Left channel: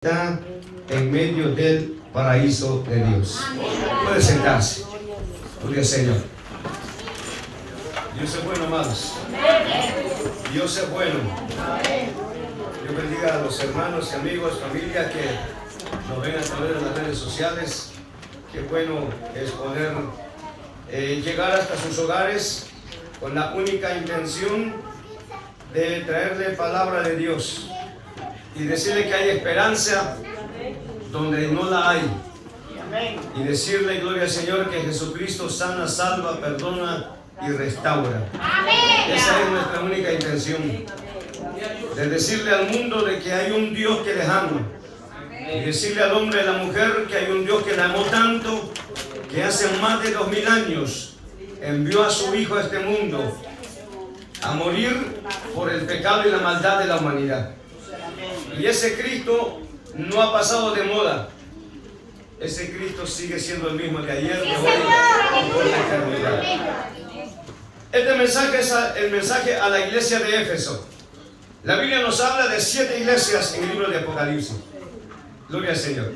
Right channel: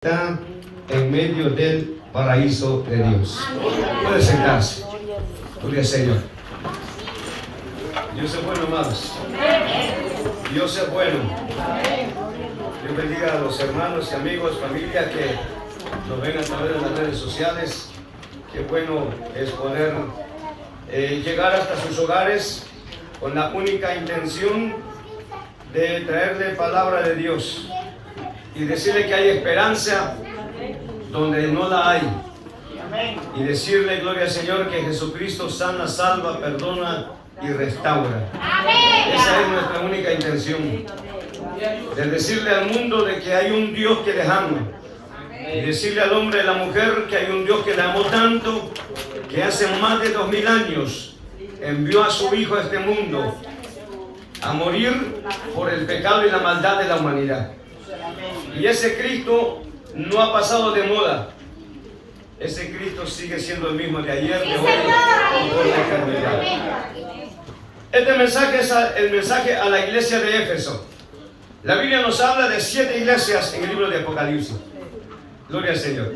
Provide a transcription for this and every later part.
Está en medio del paraíso de Dios. Puede sentarse. Gloria al Señor. Dios es bueno, amados. Dios es bueno. Dios bendiga a los hermanos y amigos, familia que nos ven a través de las redes sociales. Qué bueno es poder llegar hasta sus hogares con la única intención de traerle palabra de Dios y decirle que hay esperanza donde no la hay, y decirle, gloria al Señor, que Jesucristo sana, salva, perdona y restaura. Esa es nuestra única intención, de decirle al mundo de que hay un Dios que les ama, y decirle al hombre y a la mujer que hay un Dios que le amó tanto que hace más de 2000 años envió a su Hijo a este mundo a morir por el pecado y la maldad de la humanidad. Y ese Cristo no ha pasado de moda. Ese Cristo sigue siendo el mismo de ayer, de hoy y por la eternidad. Este mensaje es el mensaje a la iglesia de Éfeso. La Biblia nos habla de 7 iglesias en el libro de Apocalipsis. Gloria al Señor.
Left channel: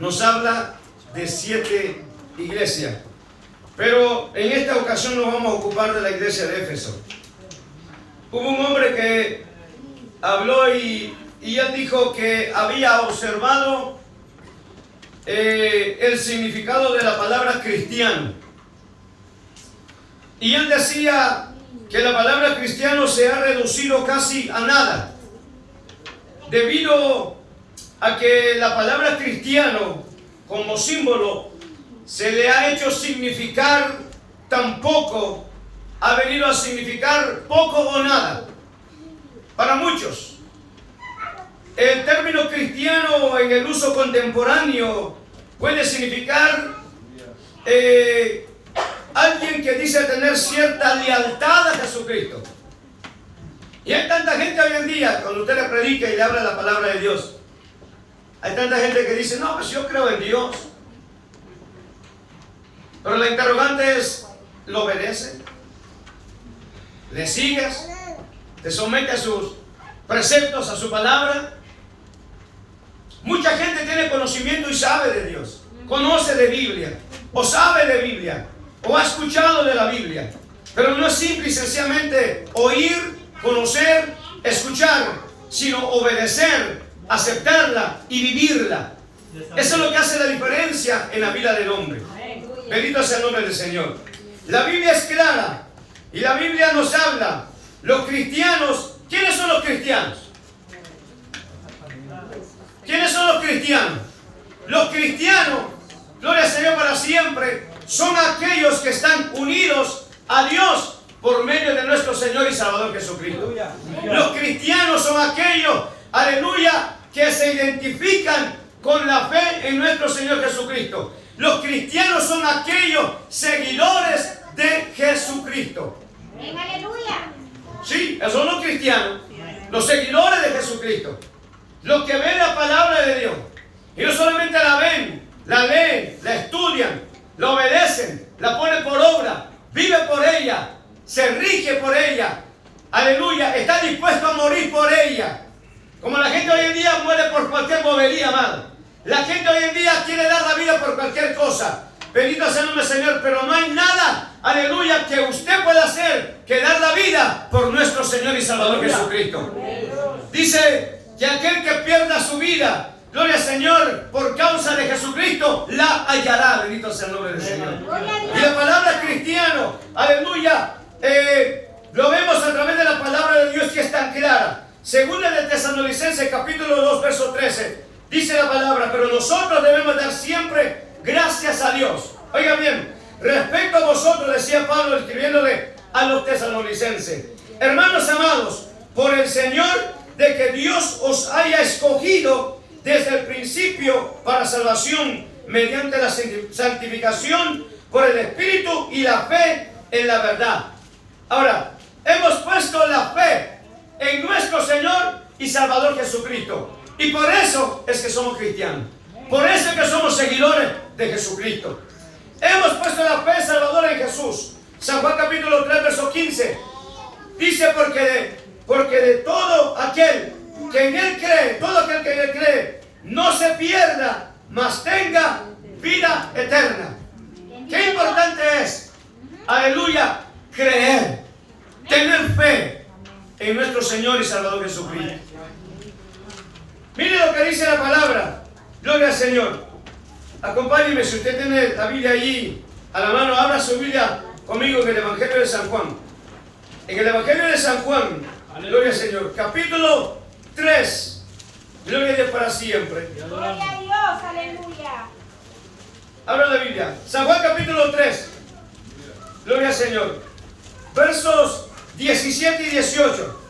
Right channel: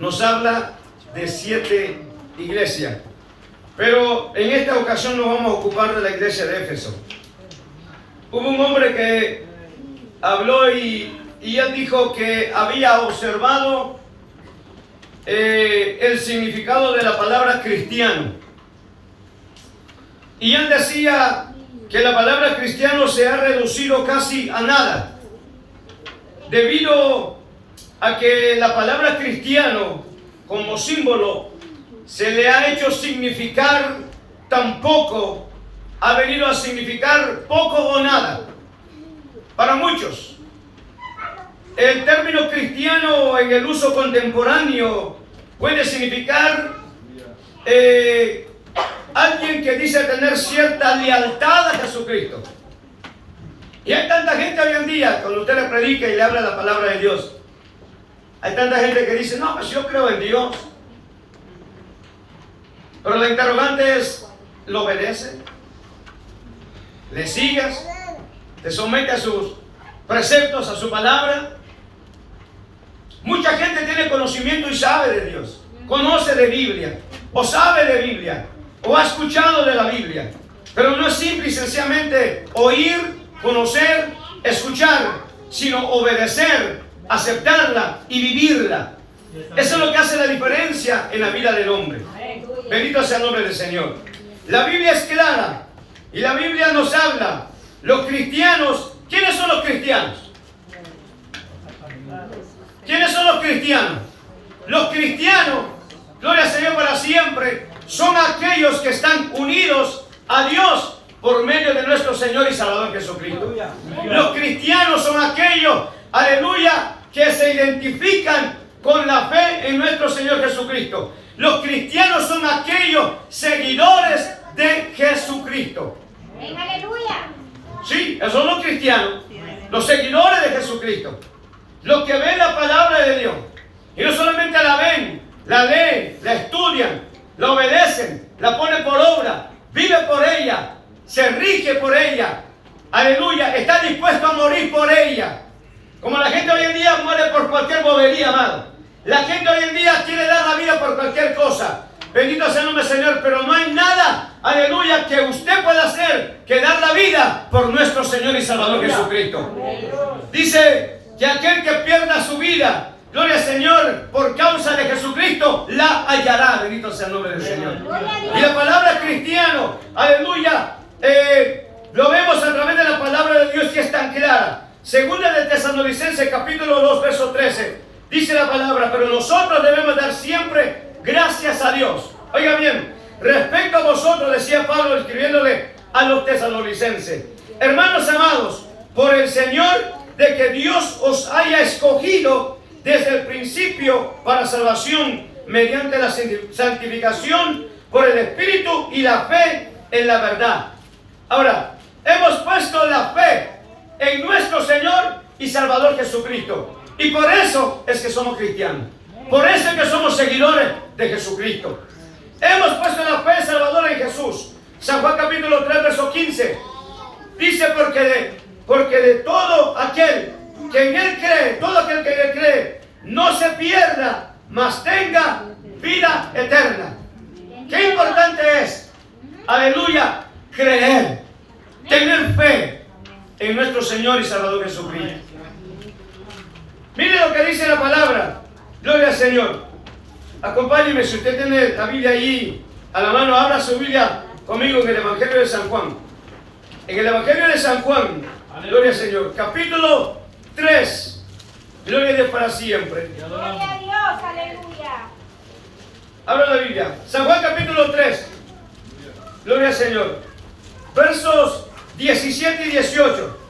Nos habla de 7 iglesias. Pero en esta ocasión nos vamos a ocupar de la iglesia de Éfeso. Hubo un hombre que habló y él dijo que había observado el significado de la palabra cristiano. Y él decía que la palabra cristiano se ha reducido casi a nada, debido a que la palabra cristiano como símbolo se le ha hecho significar tan poco, ha venido a significar poco o nada para muchos. El término cristiano en el uso contemporáneo puede significar alguien que dice tener cierta lealtad a Jesucristo. Y hay tanta gente hoy en día, cuando usted le predica y le habla la palabra de Dios, hay tanta gente que dice, no, pues yo creo en Dios. Pero la interrogante es, ¿lo obedece? ¿Le sigues? ¿Te somete a sus preceptos, a su palabra? Mucha gente tiene conocimiento y sabe de Dios, conoce de Biblia, o sabe de Biblia, o ha escuchado de la Biblia, pero no es simple y sencillamente oír, conocer, escuchar, sino obedecer, aceptarla y vivirla. Eso es lo que hace la diferencia en la vida del hombre. Bendito sea el nombre del Señor. La Biblia es clara y la Biblia nos habla. Los cristianos, ¿quiénes son los cristianos? ¿Quiénes son los cristianos? Los cristianos, gloria al Señor para siempre, son aquellos que están unidos a Dios por medio de nuestro Señor y Salvador Jesucristo. Los cristianos son aquellos, aleluya, que se identifican con la fe en nuestro Señor Jesucristo. Los cristianos son aquellos seguidores de Jesucristo. ¡Aleluya! Sí, esos son los cristianos, los seguidores de Jesucristo. Los que ven la palabra de Dios y no solamente la ven, la leen, la estudian, la obedecen, la ponen por obra, vive por ella, se rige por ella, aleluya, está dispuesto a morir por ella. Como la gente hoy en día muere por cualquier bobería, amado. La gente hoy en día quiere dar la vida por cualquier cosa. Bendito sea el nombre del Señor, pero no hay nada, aleluya, que usted pueda hacer que dar la vida por nuestro Señor y Salvador Jesucristo. Dice que aquel que pierda su vida, gloria al Señor, por causa de Jesucristo, la hallará. Bendito sea el nombre del Señor. Y la palabra cristiano, aleluya, lo vemos a través de la palabra de Dios que es tan clara. Segunda de Tesalonicenses, capítulo 2, verso 13, dice la palabra, pero nosotros debemos dar siempre gracias a Dios. Oiga bien, respecto a vosotros, decía Pablo escribiéndole a los tesalonicenses, hermanos amados, por el Señor, de que Dios os haya escogido desde el principio para salvación mediante la santificación por el Espíritu y la fe en la verdad. Ahora, hemos puesto la fe en nuestro Señor y Salvador Jesucristo. Y por eso es que somos cristianos. Por eso es que somos seguidores de Jesucristo. Hemos puesto la fe salvadora en Jesús. San Juan capítulo 3, verso 15. Dice, porque de todo aquel que en Él cree, todo aquel que en Él cree, no se pierda, mas tenga vida eterna. Qué importante es, aleluya, creer, tener fe en nuestro Señor y Salvador Jesucristo. Mire lo que dice la palabra. Gloria al Señor. Acompáñeme, si usted tiene la Biblia allí a la mano, abra su Biblia conmigo en el Evangelio de San Juan. En el Evangelio de San Juan, gloria al Señor, capítulo 3. Gloria a Dios para siempre. Gloria a Dios, aleluya. Abra la Biblia. San Juan capítulo 3. Gloria al Señor. Versos 17 y 18.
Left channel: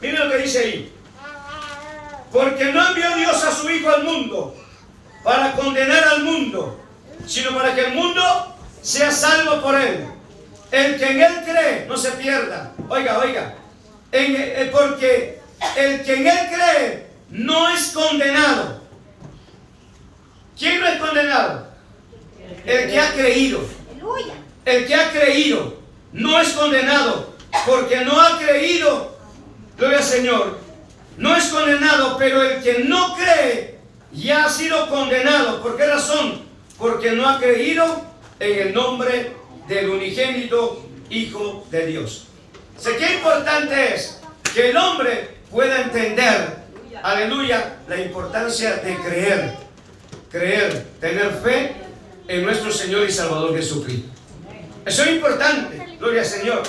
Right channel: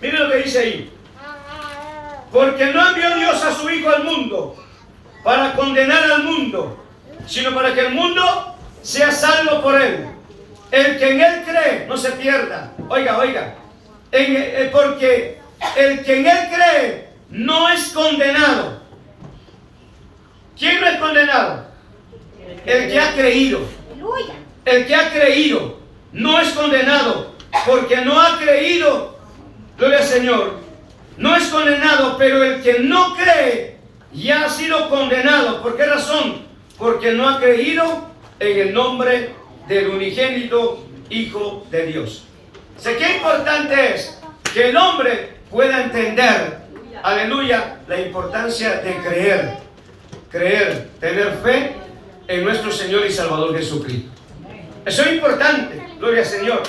Miren lo que dice ahí. Porque no envió Dios a su Hijo al mundo para condenar al mundo, sino para que el mundo sea salvo por él. El que en él cree no se pierda. Oiga. Porque el que en él cree no es condenado. ¿Quién no es condenado? El que ha creído. El que ha creído no es condenado, porque no ha creído. Gloria al Señor. No es condenado, pero el que no cree ya ha sido condenado. ¿Por qué razón? Porque no ha creído en el nombre del unigénito Hijo de Dios. Sé qué importante es que el hombre pueda entender, aleluya, la importancia de creer, tener fe en nuestro Señor y Salvador Jesucristo. Eso es importante, gloria al Señor.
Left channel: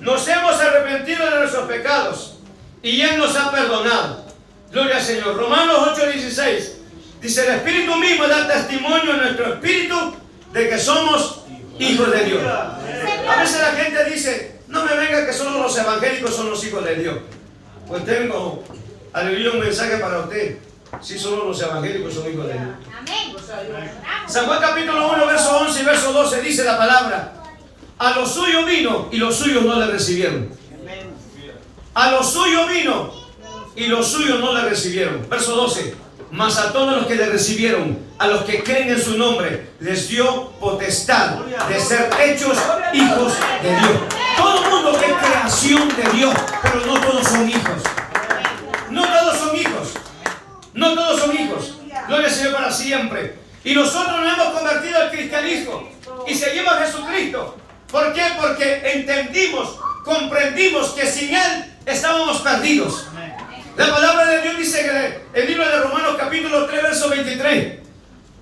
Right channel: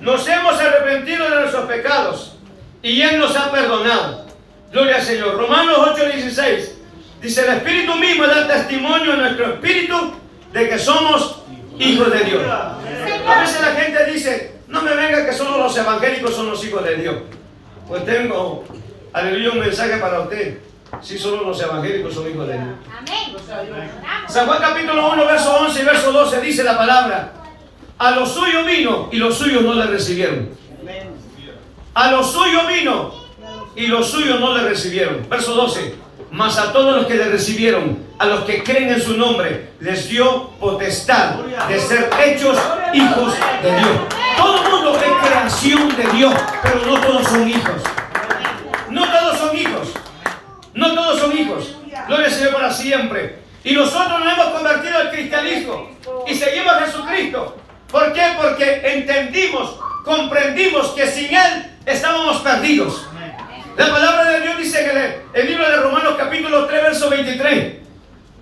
Nos hemos arrepentido de nuestros pecados y Él nos ha perdonado. Gloria al Señor. Romanos 8:16 dice: el Espíritu mismo da testimonio en nuestro espíritu de que somos hijos de Dios. A veces la gente dice: no me venga que solo los evangélicos son los hijos de Dios. Pues tengo, aleluya, un mensaje para usted. Si solo los evangélicos son hijos de Dios. Amén. San Juan capítulo 1, verso 11 y verso 12 dice la palabra: a lo suyo vino y los suyos no le recibieron. A lo suyo vino y los suyos no le recibieron. Verso 12: mas a todos los que le recibieron, a los que creen en su nombre, les dio potestad de ser hechos hijos de Dios. Todo el mundo es creación de Dios, pero no todos son hijos. No todos son hijos. No todos son hijos. Gloria al Señor para siempre. Y nosotros nos hemos convertido al cristianismo y seguimos a Jesucristo. ¿Por qué? Porque entendimos, comprendimos que sin Él estábamos perdidos. La palabra de Dios dice en el libro de Romanos capítulo 3, verso 23:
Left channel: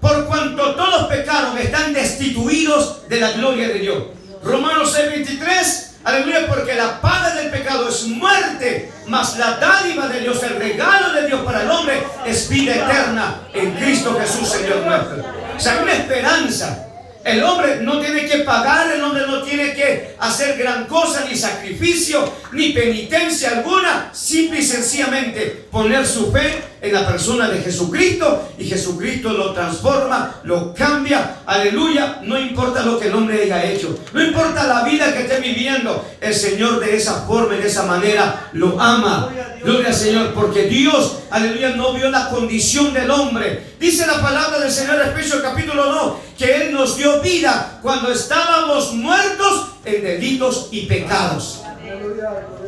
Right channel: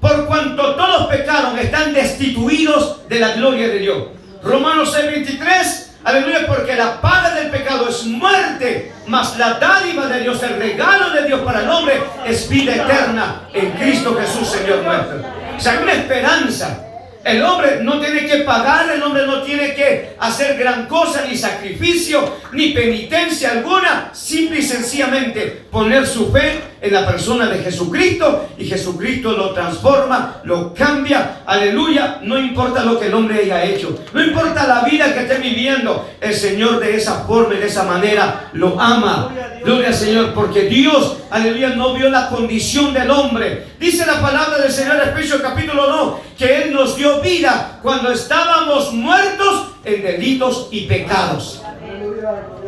por cuanto todos pecaron, están destituidos de la gloria de Dios. Romanos 6, 23, aleluya, porque la paga del pecado es muerte, mas la dádiva de Dios, el regalo de Dios para el hombre, es vida eterna en Cristo Jesús, Señor nuestro. O sea, hay una esperanza. El hombre no tiene que pagar, el hombre no tiene que hacer gran cosa, ni sacrificio, ni penitencia alguna. Simple y sencillamente poner su fe en la persona de Jesucristo, y Jesucristo lo transforma, lo cambia. Aleluya. No importa lo que el hombre haya hecho, no importa la vida que esté viviendo, el Señor de esa forma y de esa manera lo ama. Gloria al Señor, porque Dios, aleluya, no vio la condición del hombre. Dice la palabra del Señor en Efesios capítulo 2 que Él nos dio vida cuando estábamos muertos en delitos y pecados.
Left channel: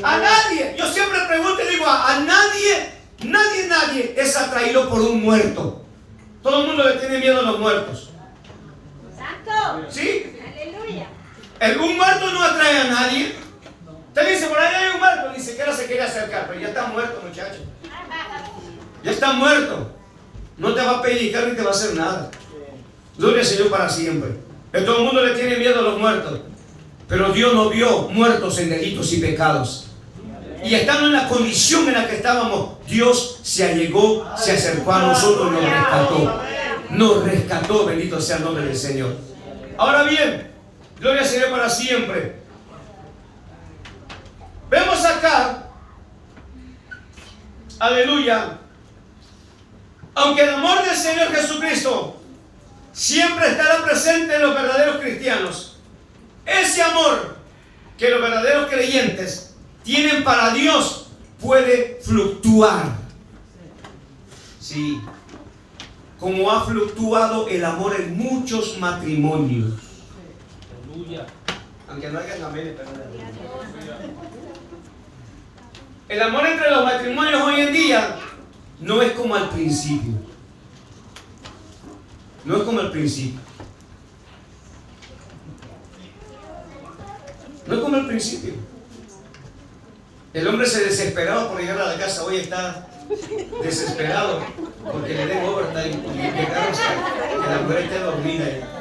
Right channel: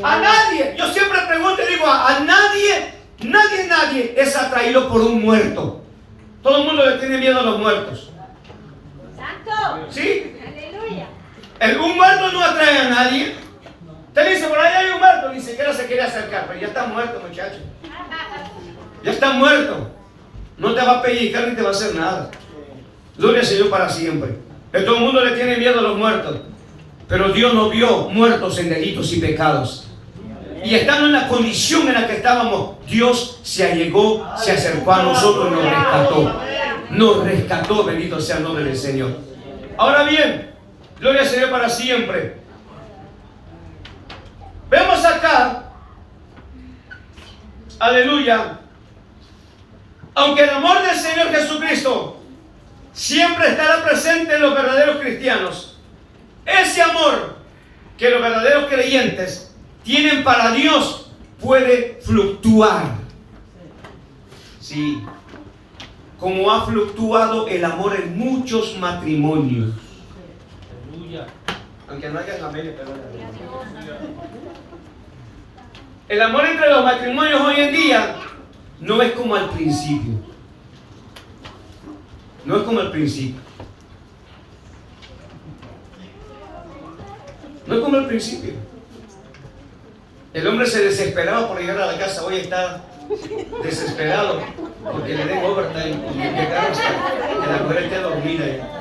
A nadie, yo siempre pregunto y digo, a nadie es atraído por un muerto. Todo el mundo le tiene miedo a los muertos. Santo. ¿Sí? Aleluya. Un muerto no atrae a nadie. Usted dice, por ahí hay un muerto, ni siquiera se quiere acercar, pero ya está muerto, muchacho. Ya está muerto. No te va a pellizcar ni te va a hacer nada. Gloria al Señor para siempre. Todo el mundo le tiene miedo a los muertos, pero Dios nos vio muertos en delitos y pecados. Y estando en la condición en la que estábamos, Dios se allegó, se acercó a nosotros y nos rescató. Nos rescató, bendito sea el nombre del Señor. Ahora bien, gloria al Señor para siempre. Vemos acá, aleluya, aunque el amor del Señor Jesucristo siempre estará presente en los verdaderos cristianos, ese amor que los verdaderos creyentes tienen para Dios puede fluctuar. Sí, como ha fluctuado el amor en muchos matrimonios. Aleluya. Aunque no haya amén, pero el amor entre los matrimonios hoy en día no es como al principio. No es como al principio. No es como al principio. El hombre se desesperaba por llegar a la casa. Hoy está desesperado porque le den overtime y llegar hasta que la mujer esté dormida ya.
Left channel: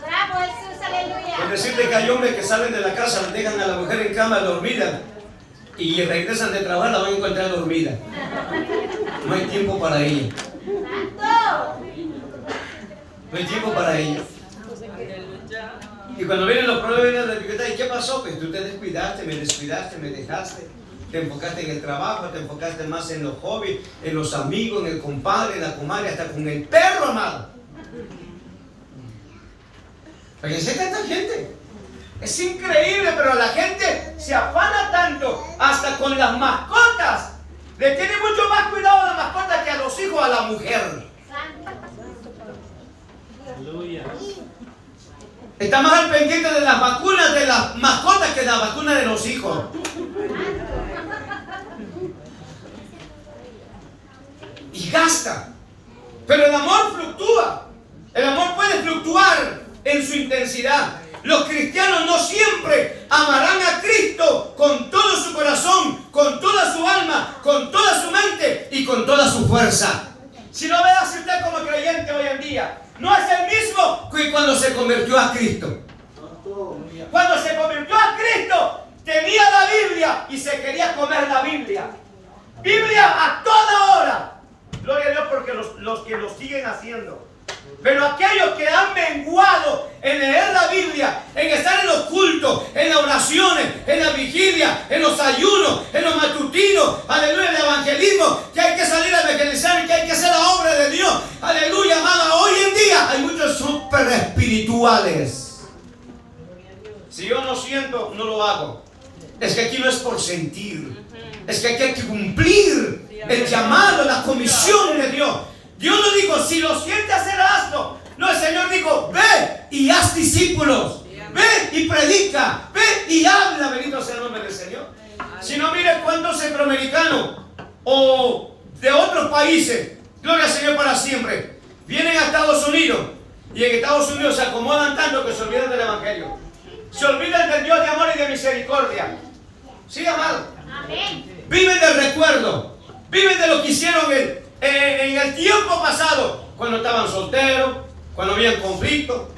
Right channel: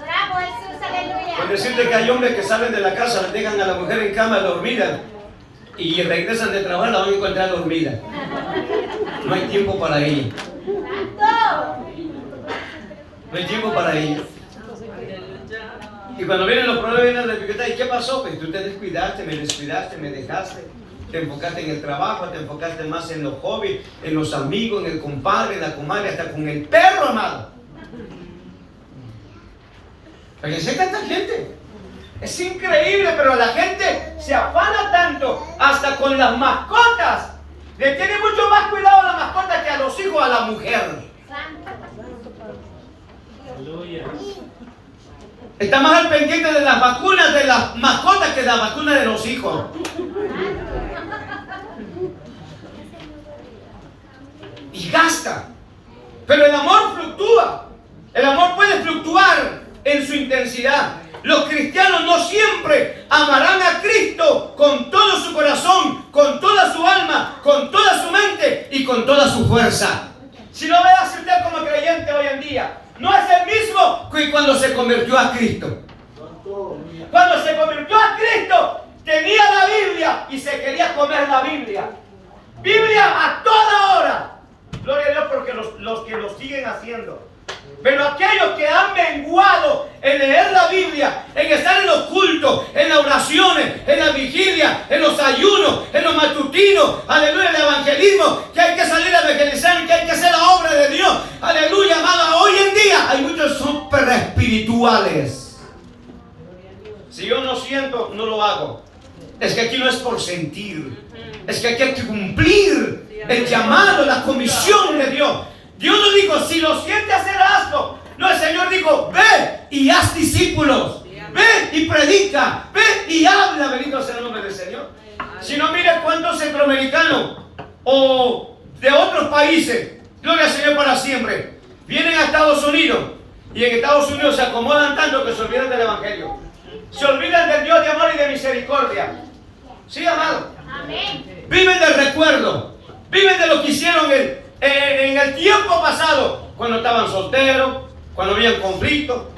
Bravo Jesús, aleluya. Por decirte que hay hombres que salen de la casa, le dejan a la mujer en cama dormida y regresan de trabajar, la van a encontrar dormida. No hay tiempo para ella. Santo. No hay tiempo para ella. Y cuando vienen los problemas, vienen las dificultades. ¿Y qué pasó? Pues tú te descuidaste, me dejaste. Te enfocaste en el trabajo, te enfocaste más en los hobbies, en los amigos, en el compadre, en la comadre, hasta con el perro, amado. Porque sé tanta gente. Es increíble, pero la gente se afana tanto, hasta con las mascotas. Le tiene mucho más cuidado a la mascota que a los hijos, a la mujer. Está más al pendiente de las vacunas de las mascotas que de las vacunas de los hijos. Y gasta. Pero el amor fluctúa. El amor puede fluctuar en su intensidad. Los cristianos no siempre amarán a Cristo con todo su corazón, con toda su alma, con toda su mente y con toda su fuerza. Si lo veas usted como creyente hoy en día, no es el mismo que cuando se convirtió a Cristo. Cuando se convirtió a Cristo, tenía la Biblia y se quería comer la Biblia. Biblia a toda hora. Gloria a Dios porque los que lo siguen haciendo. Pero aquellos que han menguado en leer la Biblia, en estar en los cultos, en las oraciones, en la vigilia, en los ayunos, en los matutinos, aleluya, el evangelismo, que hay que salir a evangelizar, que hay que hacer la obra de Dios, aleluya, amado. Hoy en día hay muchos súper espirituales. Si yo no siento, no lo hago. Es que aquí no es por sentir, es que aquí hay que cumplir el llamado, la comisión de Dios. Dios no dijo, si lo sientes hacer hazlo. No, el Señor dijo, ve y haz discípulos. Ve y predica. Ve y habla. Bendito sea el nombre del Señor. Si no, mire cuántos centroamericanos o de otros países, gloria al Señor para siempre, vienen a Estados Unidos y en Estados Unidos se acomodan tanto que se olvidan del Evangelio. Se olvidan del Dios de amor y de misericordia. Sí, amado. Amén. Viven del recuerdo. Viven de lo que hicieron en el tiempo pasado, cuando estaban solteros, cuando había conflicto.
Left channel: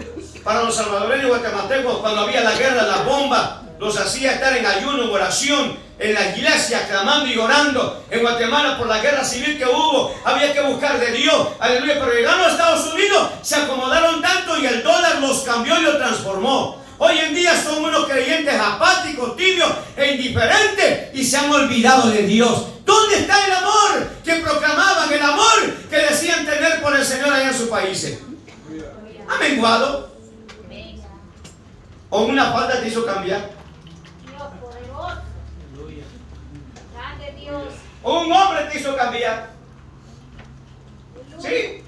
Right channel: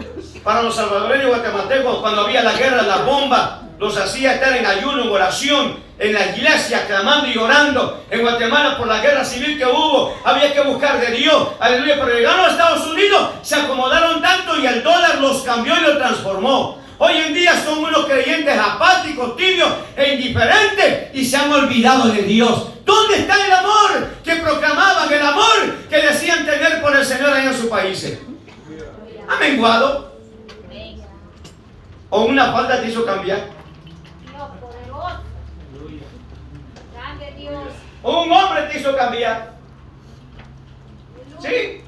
Para los salvadoreños guatemaltecos, cuando había la guerra, las bombas, los hacía estar en ayuno, en oración, en la iglesia, clamando y orando. En Guatemala, por la guerra civil que hubo, había que buscar de Dios, aleluya. Pero llegaron a Estados Unidos, se acomodaron tanto y el dólar los cambió y los transformó. Hoy en día son unos creyentes apáticos, tibios e indiferentes y se han olvidado de Dios. ¿Dónde está el amor que proclamaban, el amor que decían tener por el Señor allá en sus países? ¿Ha menguado? ¿O una falta te hizo cambiar? Dios poderoso. Grande Dios. ¿O un hombre te hizo cambiar? Sí,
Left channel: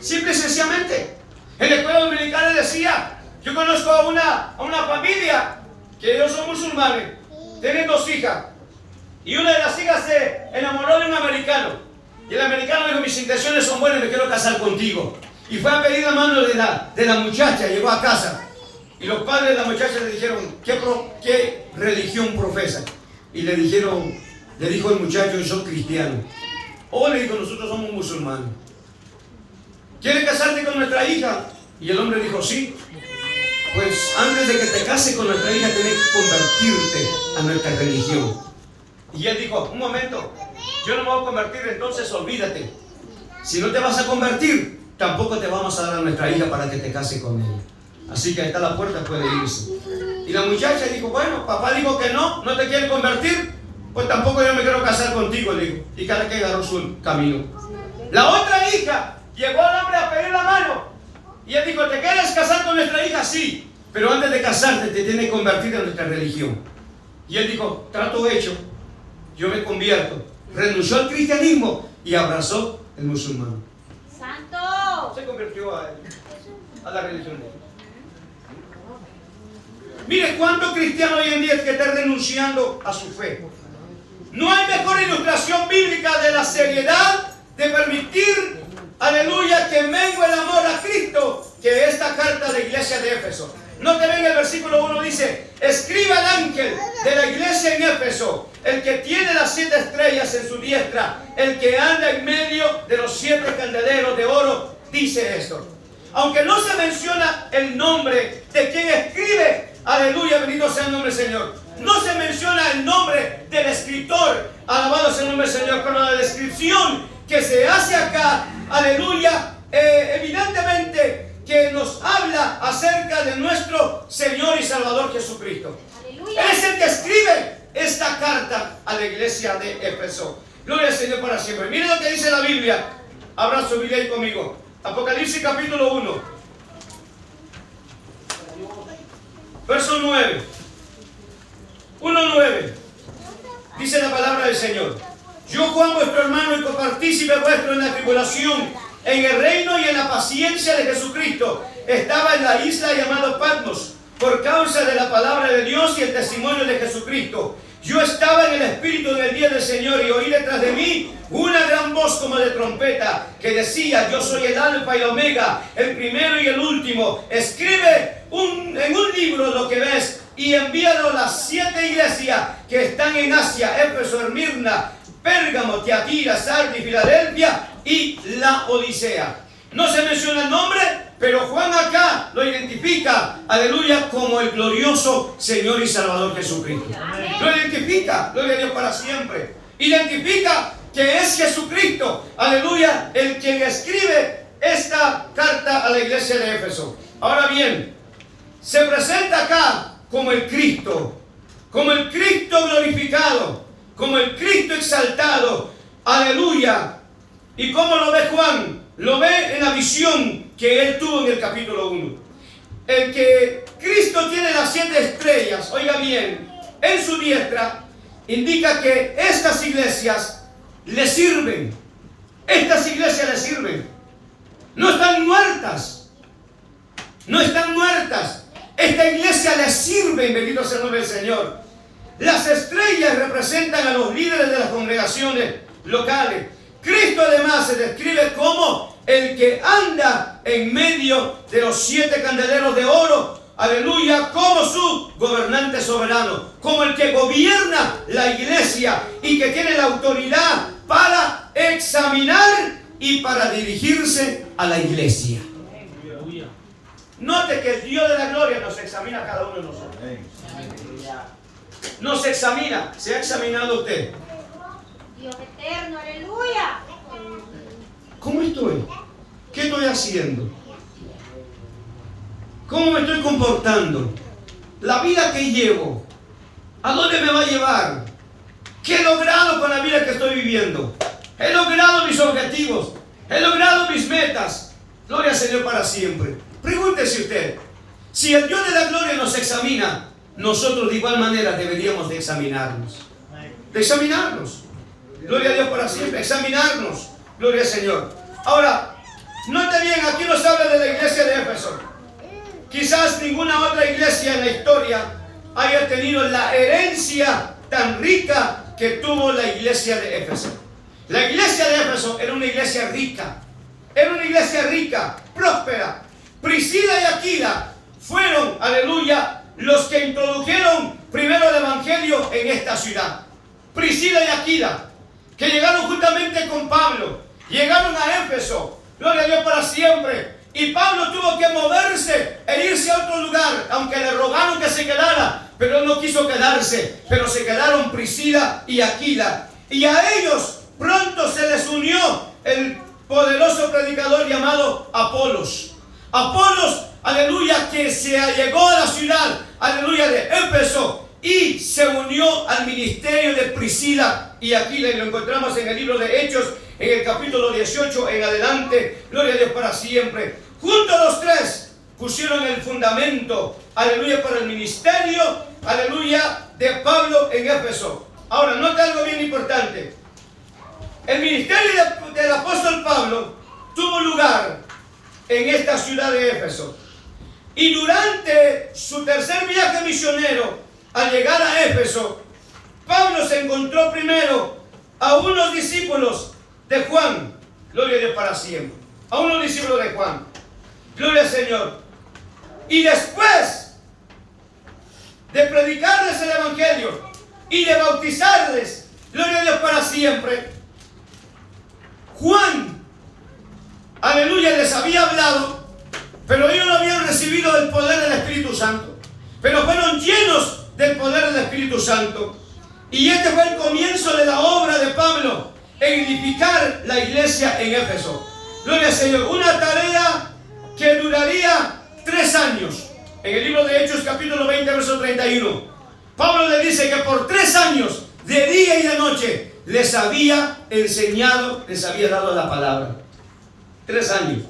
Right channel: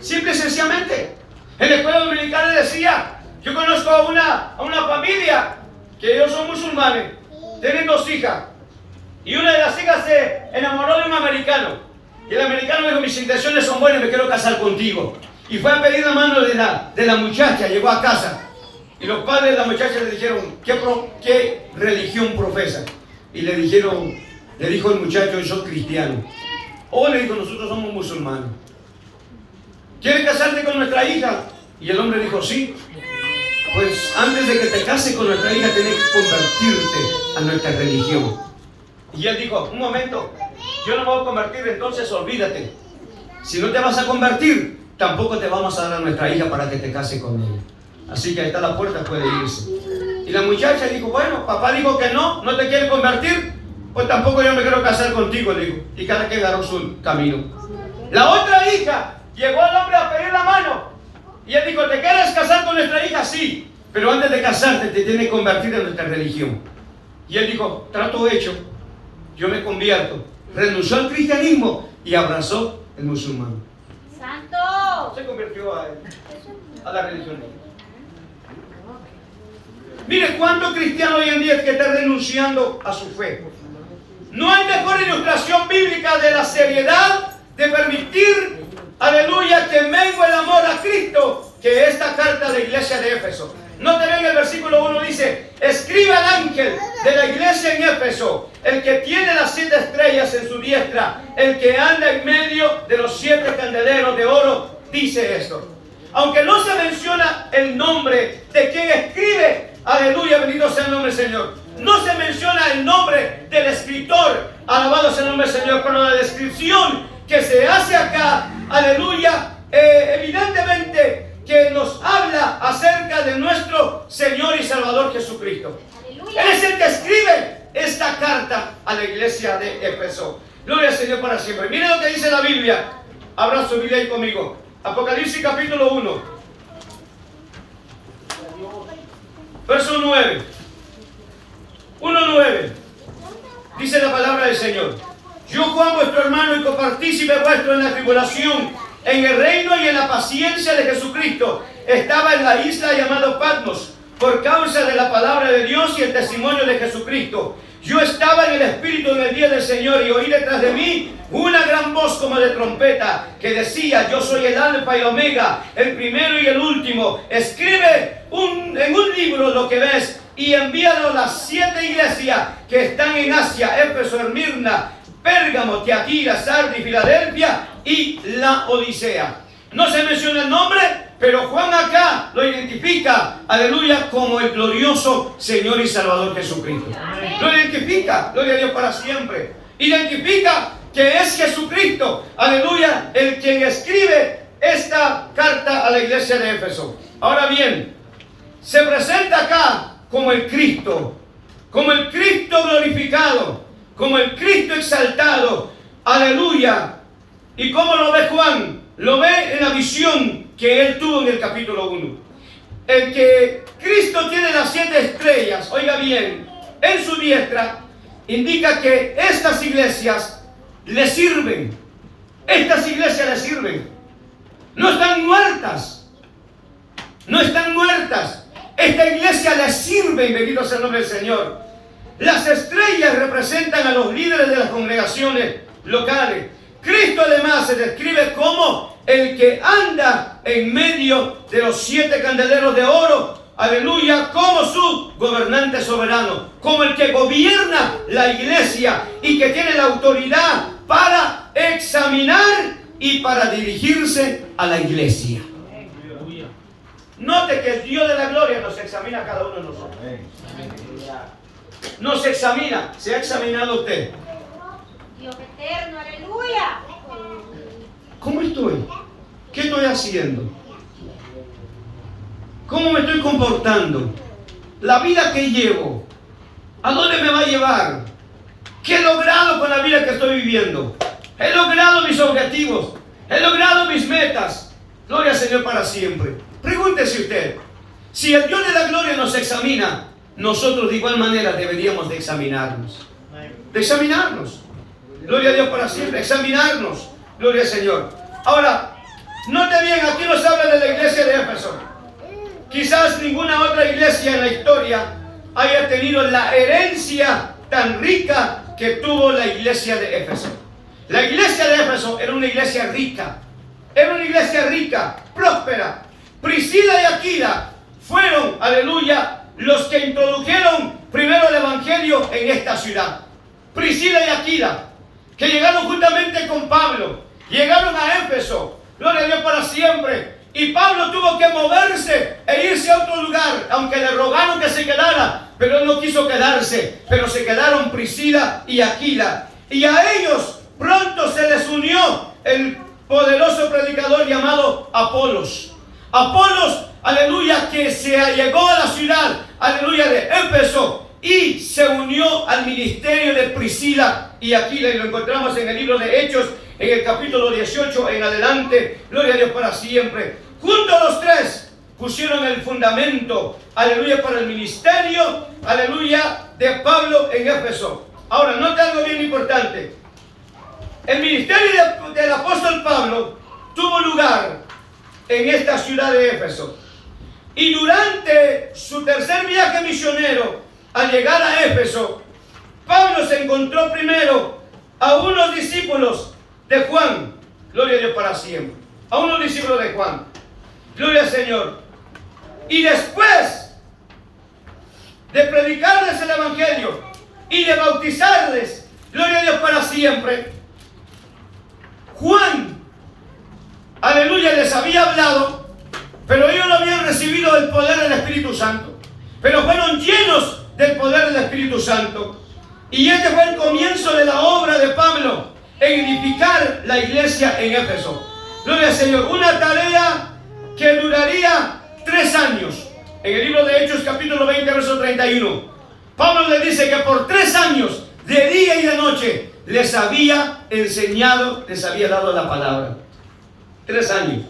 simple y sencillamente. En la escuela dominical le decía, yo conozco a una familia que ellos son musulmanes, tienen 2 hijas. Y una de las hijas se enamoró de un americano. Y el americano dijo, mis intenciones son buenas, me quiero casar contigo. Y fue a pedir la mano de la muchacha, llegó a casa. Y los padres de la muchacha le dijeron, ¿qué religión profesa? Y le dijo el muchacho, yo soy cristiano. O le dijo, nosotros somos musulmanes. ¿Quieres casarte con nuestra hija? Y el hombre dijo, sí. Pues antes de que te cases con nuestra hija, tienes que convertirte a nuestra religión. Y él dijo, un momento, yo no me voy a convertir, entonces olvídate. Si no te vas a convertir, tampoco te vamos a dar a nuestra hija para que te cases con ella. Así que ahí está la puerta, puede irse. Y la muchacha dijo, bueno, papá dijo que no te quiere convertir, pues tampoco yo me quiero casar contigo, dijo. Y cada quien agarró su camino. La otra hija, llegó el hombre a pedir la mano. Y él dijo, ¿te quieres casar con nuestra hija? Sí, pero antes de casarte te tienes que convertir en nuestra religión. Y él dijo, trato hecho, yo me convierto. Renunció al cristianismo y abrazó el musulmán. Santo. Se convirtió a la religión. Mire cuántos cristianos hoy en día que están renunciando a su fe. No hay mejor ilustración bíblica de la seriedad de permitir, aleluya, que mengue el amor a Cristo que esta carta de la iglesia de Éfeso. No te ven el versículo 1 dice: escribe al ángel de la iglesia en Éfeso, el que tiene las 7 estrellas en su diestra, el que anda en medio de los 7 candeleros de oro, dice esto. Aunque no se menciona el nombre de quien escribe, aleluya, bendito sea el nombre del Señor. No se menciona el nombre del escritor, alabado sea el nombre del Señor, pero la descripción que se hace acá, aleluya, evidentemente que nos habla acerca de nuestro Señor y Salvador Jesucristo. Aleluya. Él es el que escribe esta carta a la iglesia de Éfeso. Gloria al Señor para siempre. Miren lo que dice la Biblia. Abra su Biblia ahí conmigo. Apocalipsis capítulo 1. Verso 9. 1:9. Dice la palabra del Señor: yo, Juan, vuestro hermano y copartícipe vuestro en la tribulación, en el reino y en la paciencia de Jesucristo, estaba en la isla llamada Patmos, por causa de la palabra de Dios y el testimonio de Jesucristo. Yo estaba en el Espíritu en el día del Señor, y oí detrás de mí una gran voz como de trompeta, que decía: yo soy el Alfa y el Omega, el primero y el último. Escribe en un libro lo que ves, y envíalo a las 7 iglesias que están en Asia: Éfeso, Esmirna, Pérgamo, Tiatira, Sardis, Filadelfia y la Odisea. No se menciona el nombre, pero Juan acá lo identifica, aleluya, como el glorioso Señor y Salvador Jesucristo. Amén. Lo identifica, gloria a Dios para siempre. Identifica que es Jesucristo, aleluya, el quien escribe esta carta a la iglesia de Éfeso. Ahora bien, se presenta acá como el Cristo glorificado, como el Cristo exaltado, aleluya. ¿Y cómo lo ve Juan? Lo ve en la visión que él tuvo en el capítulo 1. El que Cristo tiene las 7 estrellas, oiga bien, en su diestra, indica que estas iglesias le sirven. Estas iglesias le sirven. No están muertas. No están muertas. Esta iglesia le sirve, bendito sea el nombre del Señor. Las estrellas representan a los líderes de las congregaciones locales. Cristo además se describe como el que anda en medio de los 7 candeleros de oro, aleluya, como su gobernante soberano, como el que gobierna la iglesia y que tiene la autoridad para examinar y para dirigirse a la iglesia. Note que el Dios de la gloria nos examina a cada uno de nosotros. Nos examina. ¿Se ha examinado usted? Dios eterno, aleluya. ¿Cómo estoy? ¿Qué estoy haciendo? ¿Cómo me estoy comportando? La vida que llevo, ¿a dónde me va a llevar? ¿Qué he logrado con la vida que estoy viviendo? ¿He logrado mis objetivos? ¿He logrado mis metas? Gloria al Señor para siempre. Pregúntese usted, si el Dios de la gloria nos examina, nosotros de igual manera deberíamos de examinarnos. De examinarnos. Gloria a Dios para siempre. Examinarnos. Gloria al Señor. Ahora, note bien, aquí nos habla de la iglesia de Éfeso. Quizás ninguna otra iglesia en la historia haya tenido la herencia tan rica que tuvo la iglesia de Éfeso. La iglesia de Éfeso era una iglesia rica. Era una iglesia rica, próspera. Priscila y Aquila fueron, aleluya, los que introdujeron primero el evangelio en esta ciudad. Priscila y Aquila, que llegaron juntamente con Pablo, llegaron a Éfeso, gloria a Dios para siempre. Y Pablo tuvo que moverse e irse a otro lugar, aunque le rogaron que se quedara, pero él no quiso quedarse. Pero se quedaron Priscila y Aquila, y a ellos pronto se les unió el poderoso predicador llamado Apolos. Apolos, aleluya, que se allegó a la ciudad, aleluya, de Éfeso y se unió al ministerio de Priscila y Aquila, y lo encontramos en el libro de Hechos, en el capítulo 18 en adelante. Gloria a Dios para siempre. Juntos los tres pusieron el fundamento, aleluya, para el ministerio, aleluya, de Pablo en Éfeso. Ahora, note algo bien importante. El ministerio del apóstol Pablo tuvo lugar en esta ciudad de Éfeso. Y durante su tercer viaje misionero, al llegar a Éfeso, Pablo se encontró primero a unos discípulos de Juan, gloria a Dios para siempre, a unos discípulos de Juan, gloria al Señor. Y después de predicarles el Evangelio y de bautizarles, gloria a Dios para siempre, Juan, aleluya, les había hablado, pero ellos no habían recibido el poder del Espíritu Santo, pero fueron llenos del poder del Espíritu Santo. Y este fue el comienzo de la obra de Pablo en edificar la iglesia en Éfeso. Gloria al Señor. Una tarea que duraría 3 años. En el libro de Hechos, capítulo 20, verso 31, Pablo le dice que por 3 años, de día y de noche, les había enseñado, les había dado la palabra. 3 años.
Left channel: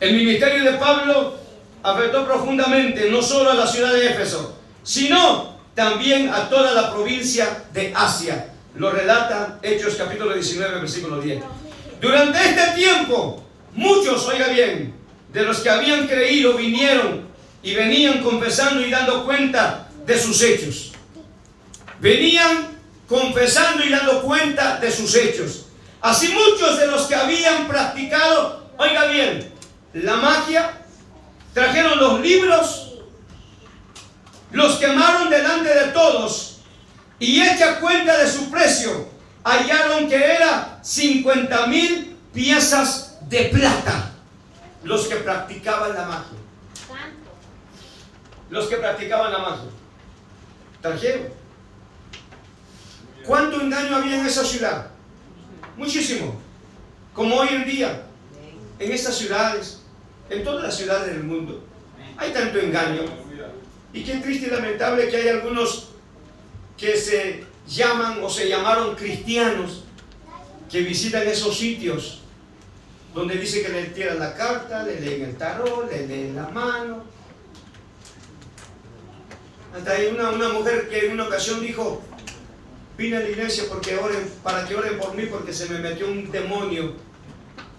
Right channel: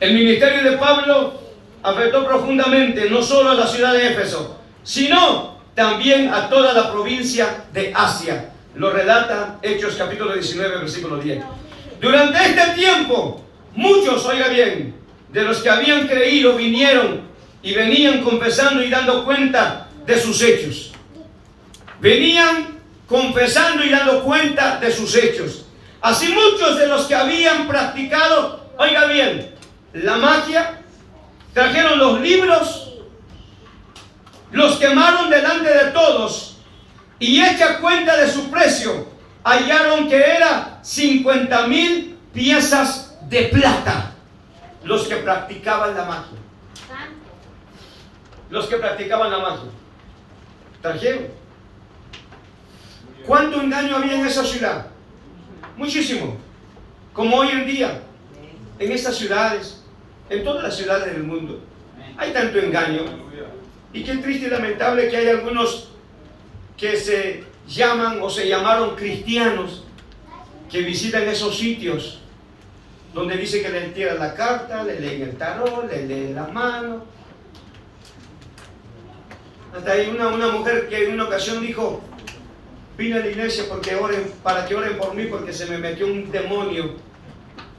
El ministerio de Pablo afectó profundamente no solo a la ciudad de Éfeso, sino también a toda la provincia de Asia. Lo relata Hechos capítulo 19, versículo 10. Durante este tiempo, muchos, oiga bien, de los que habían creído vinieron y venían confesando y dando cuenta de sus hechos. Venían confesando y dando cuenta de sus hechos. Así muchos de los que habían practicado, oiga bien, la magia, trajeron los libros, los quemaron delante de todos y hecha cuenta de su precio, hallaron que era 50,000 piezas de plata. Los que practicaban la magia. Los que practicaban la magia. Trajeron. ¿Cuánto engaño había en esa ciudad? Muchísimo. Como hoy en día, en estas ciudades, en todas las ciudades del mundo, hay tanto engaño. Y qué triste y lamentable que hay algunos que se llaman o se llamaron cristianos que visitan esos sitios donde dice que le tiran la carta, le leen el tarot, le leen las manos. Hasta hay una mujer que en una ocasión dijo: vine a la iglesia para que oren por mí, porque se me metió un demonio,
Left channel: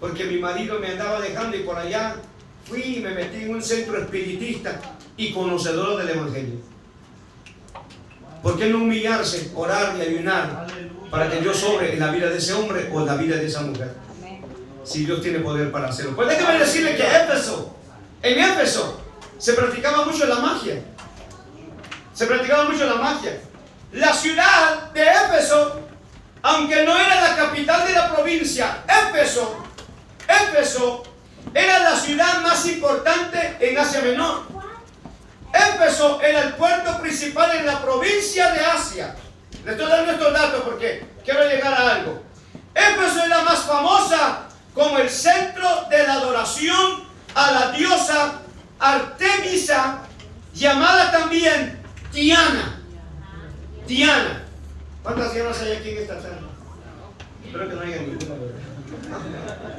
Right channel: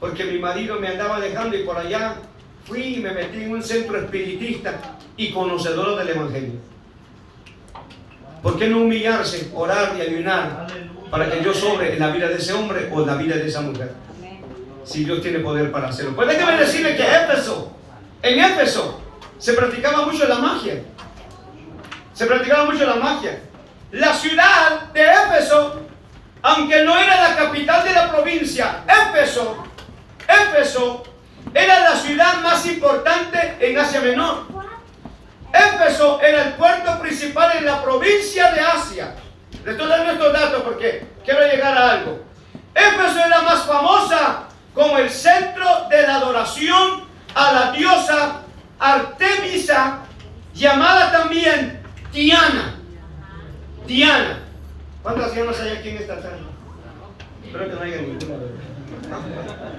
porque mi marido me andaba dejando, y por allá fui y me metí en un centro espiritista y conocedor del Evangelio. ¿Por qué no humillarse, orar y ayunar para que Dios sobre en la vida de ese hombre o en la vida de esa mujer? Si Dios tiene poder para hacerlo. Pues déjeme decirle que en Éfeso se practicaba mucho la magia. Se practicaba mucho la magia. La ciudad de Éfeso, aunque no era la capital de la provincia, Éfeso era la ciudad más importante en Asia Menor. Éfeso era el puerto principal en la provincia de Asia. Les estoy dando estos datos porque quiero llegar a algo. Éfeso era más famosa como el centro de la adoración a la diosa Artemisa, llamada también Diana. Diana. ¿Cuántas dianas hay aquí en esta sala? Espero que no haya ninguna, ¿verdad?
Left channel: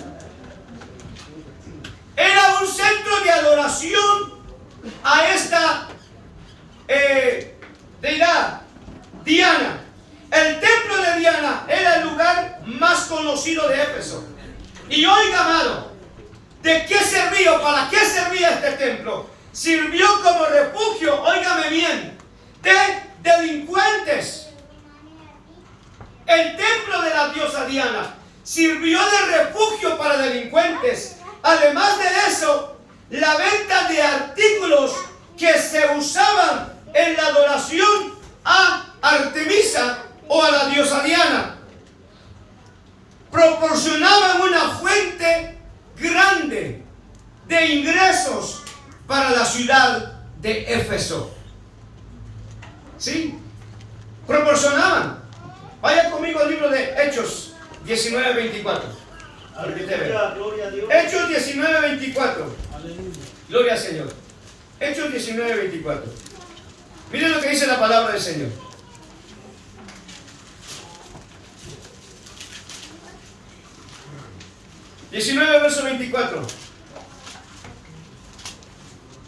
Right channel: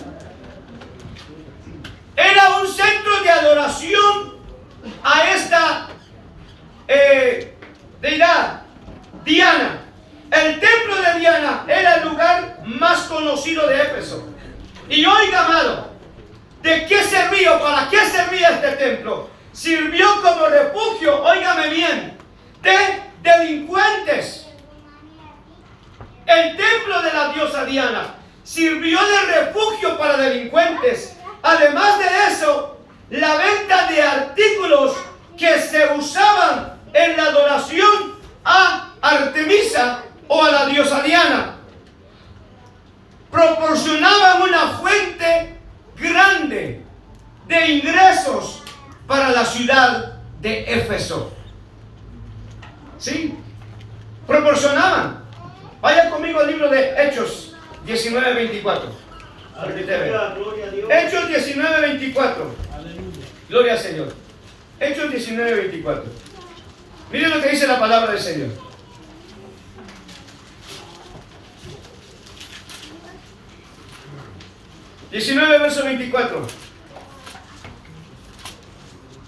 Era un centro de adoración a esta deidad, Diana. El templo de Diana era el lugar más conocido de Éfeso. Y oiga, amado, ¿de qué servía? ¿Para qué servía este templo? Sirvió como refugio, óigame bien, de delincuentes. El templo de la diosa Diana sirvió de refugio para delincuentes. Además de eso, la venta de artículos que se usaban en la adoración a Artemisa o a la diosa Diana proporcionaban una fuente grande de ingresos para la ciudad de Éfeso. ¿Sí? Proporcionaban. Vaya conmigo al libro de Hechos 19:24. Hechos 19:24. Gloria al Señor. Hechos 19:24. Miren lo que dice la palabra del Señor. Verso 24.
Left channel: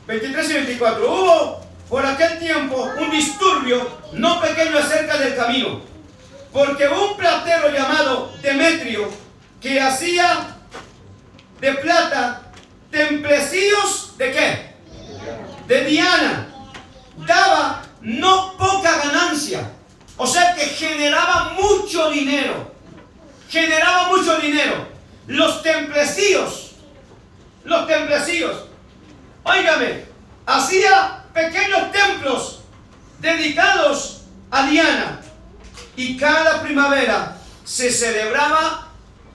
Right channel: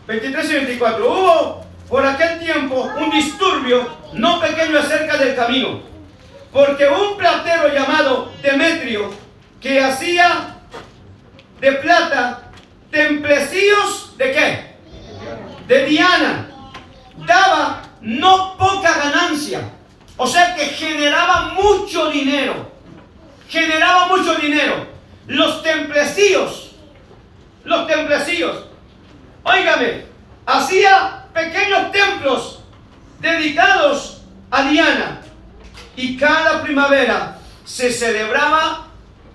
23 y 24. Hubo por aquel tiempo un disturbio no pequeño acerca del camino, porque un platero llamado Demetrio, que hacía de plata templecillos, ¿de qué? de Diana daba no poca ganancia. O sea que generaba mucho dinero. Generaba mucho dinero. Los templecillos, óigame, hacía pequeños templos dedicados a Diana. Y cada primavera se celebraba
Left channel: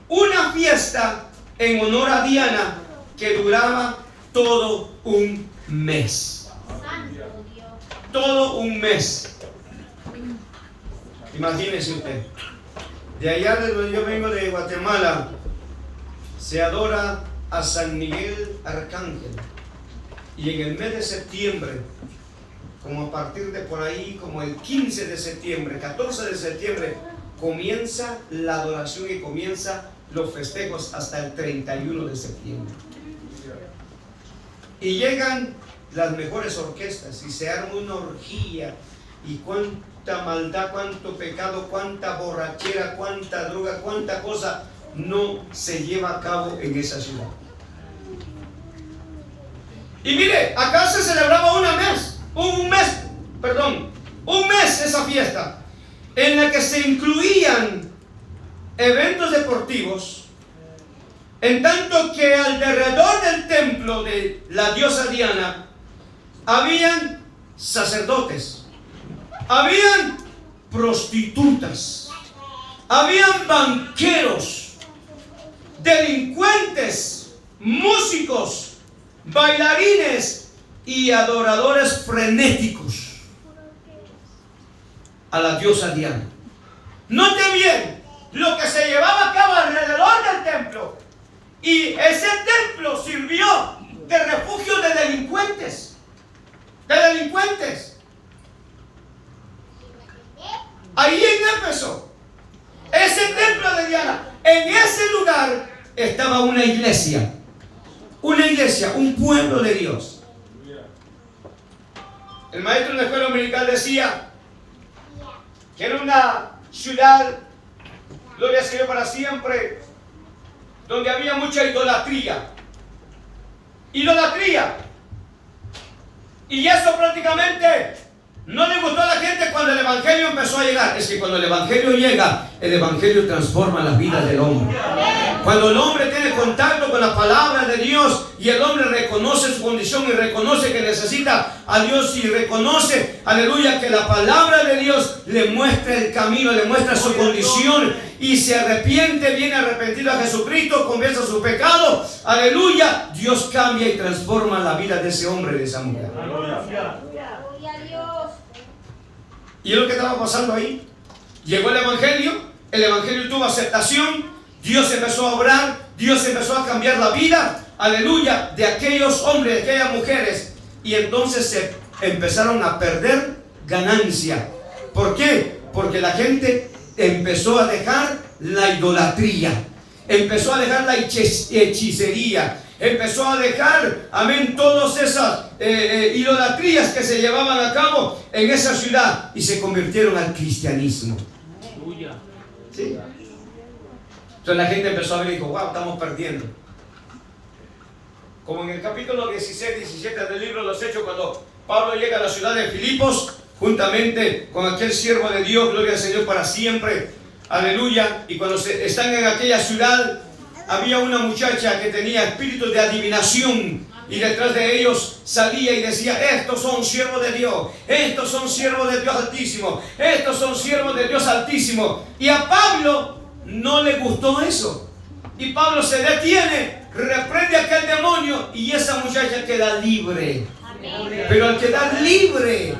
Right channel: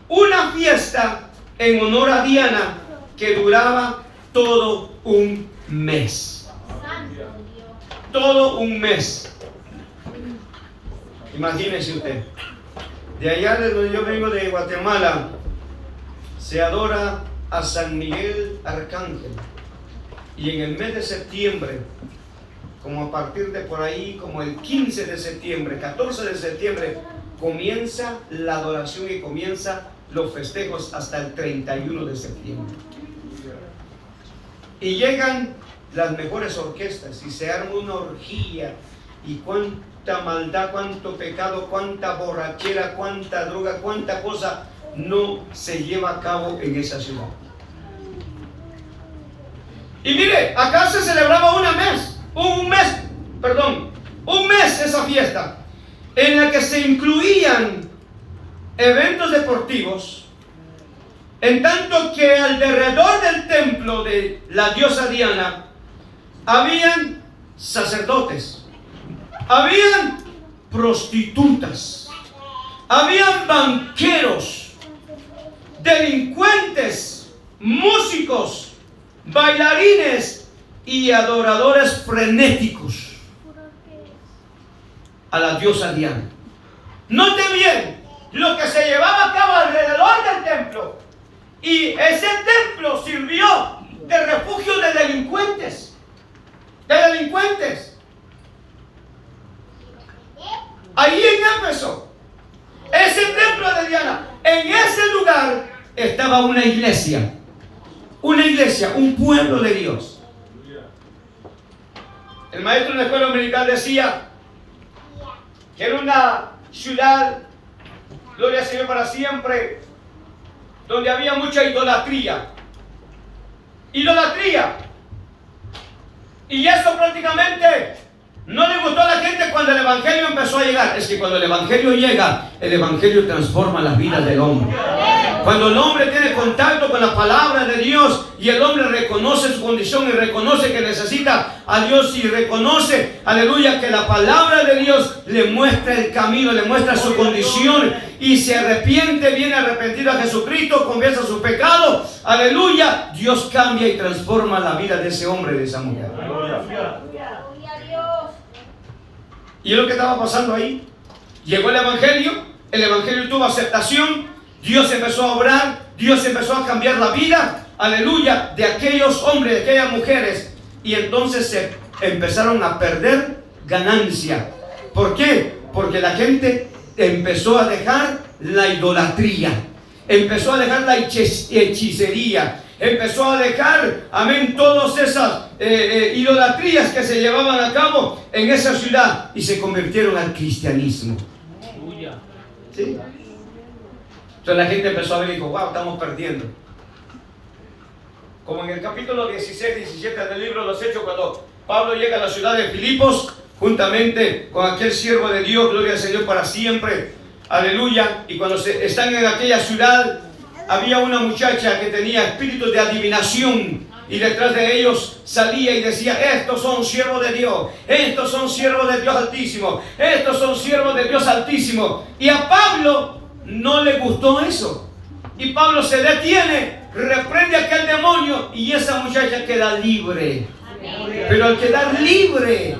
una fiesta en honor a Diana que duraba todo un mes. Todo un mes. Imagínese usted. De allá de donde yo vengo, de Guatemala, se adora a San Miguel Arcángel. Y en el mes de septiembre, como a partir de por ahí, como el 15 de septiembre, 14 de septiembre, comienza la adoración y comienza los festejos hasta el 31 de septiembre. Y llegan las mejores orquestas y se arma una orgía. Y cuánta maldad, cuánto pecado, cuánta borrachera, cuánta droga, cuánta cosa no se lleva a cabo en esa ciudad. Y mire, acá se celebraba un mes esa fiesta, en la que se incluían eventos deportivos, en tanto que alrededor del templo de la diosa Diana habían sacerdotes, habían prostitutas, habían banqueros, delincuentes, músicos, bailarines y adoradores frenéticos a la diosa Diana. Note bien lo que se llevaba a cabo alrededor del templo. Y ese templo sirvió de refugio de delincuentes. Ahí en Éfeso, ese templo de Diana, en ese lugar estaba una iglesia, un pueblo de Dios. El maestro de la escuela dominical decía que era una ciudad, gloria al Señor para siempre, donde había mucha idolatría. Y eso prácticamente no le gustó a la gente cuando el evangelio empezó a llegar. Es que cuando el evangelio llega, el evangelio transforma las vidas del hombre. Cuando el hombre tiene contacto con la palabra de Dios y el hombre reconoce su condición y reconoce que necesita a Dios y reconoce, aleluya, que la palabra de Dios le muestra el camino, le muestra su condición y se arrepiente, viene arrepentido a Jesucristo, confiesa su pecado, aleluya, Dios cambia y transforma la vida de ese hombre, de esa mujer. ¿Y es lo que estaba pasando ahí? Llegó el evangelio tuvo aceptación, Dios empezó a obrar, Dios empezó a cambiar la vida, aleluya, de aquellos hombres, de aquellas mujeres, y entonces se empezaron a perder ganancia. ¿Por qué? Porque la gente empezó a dejar la idolatría, empezó a dejar la hechicería, empezó a dejar, amén, todas esas idolatrías que se llevaban a cabo en esa ciudad y se convirtieron al cristianismo. ¿Sí? Entonces la gente empezó a ver y dijo, wow, estamos perdiendo. Como en el capítulo 16, 17 del libro de los Hechos, cuando Pablo llega a la ciudad de Filipos, juntamente con aquel siervo de Dios, gloria al Señor para siempre, aleluya, y cuando están en aquella ciudad, había una muchacha que tenía espíritu de adivinación, y detrás de ellos salía y decía, estos son siervos de Dios, estos son siervos de Dios Altísimo, estos son siervos de Dios Altísimo. Y a Pablo no le gustó eso, y Pablo se detiene, reprende a aquel demonio, y esa muchacha queda libre. Pero al quedar libre,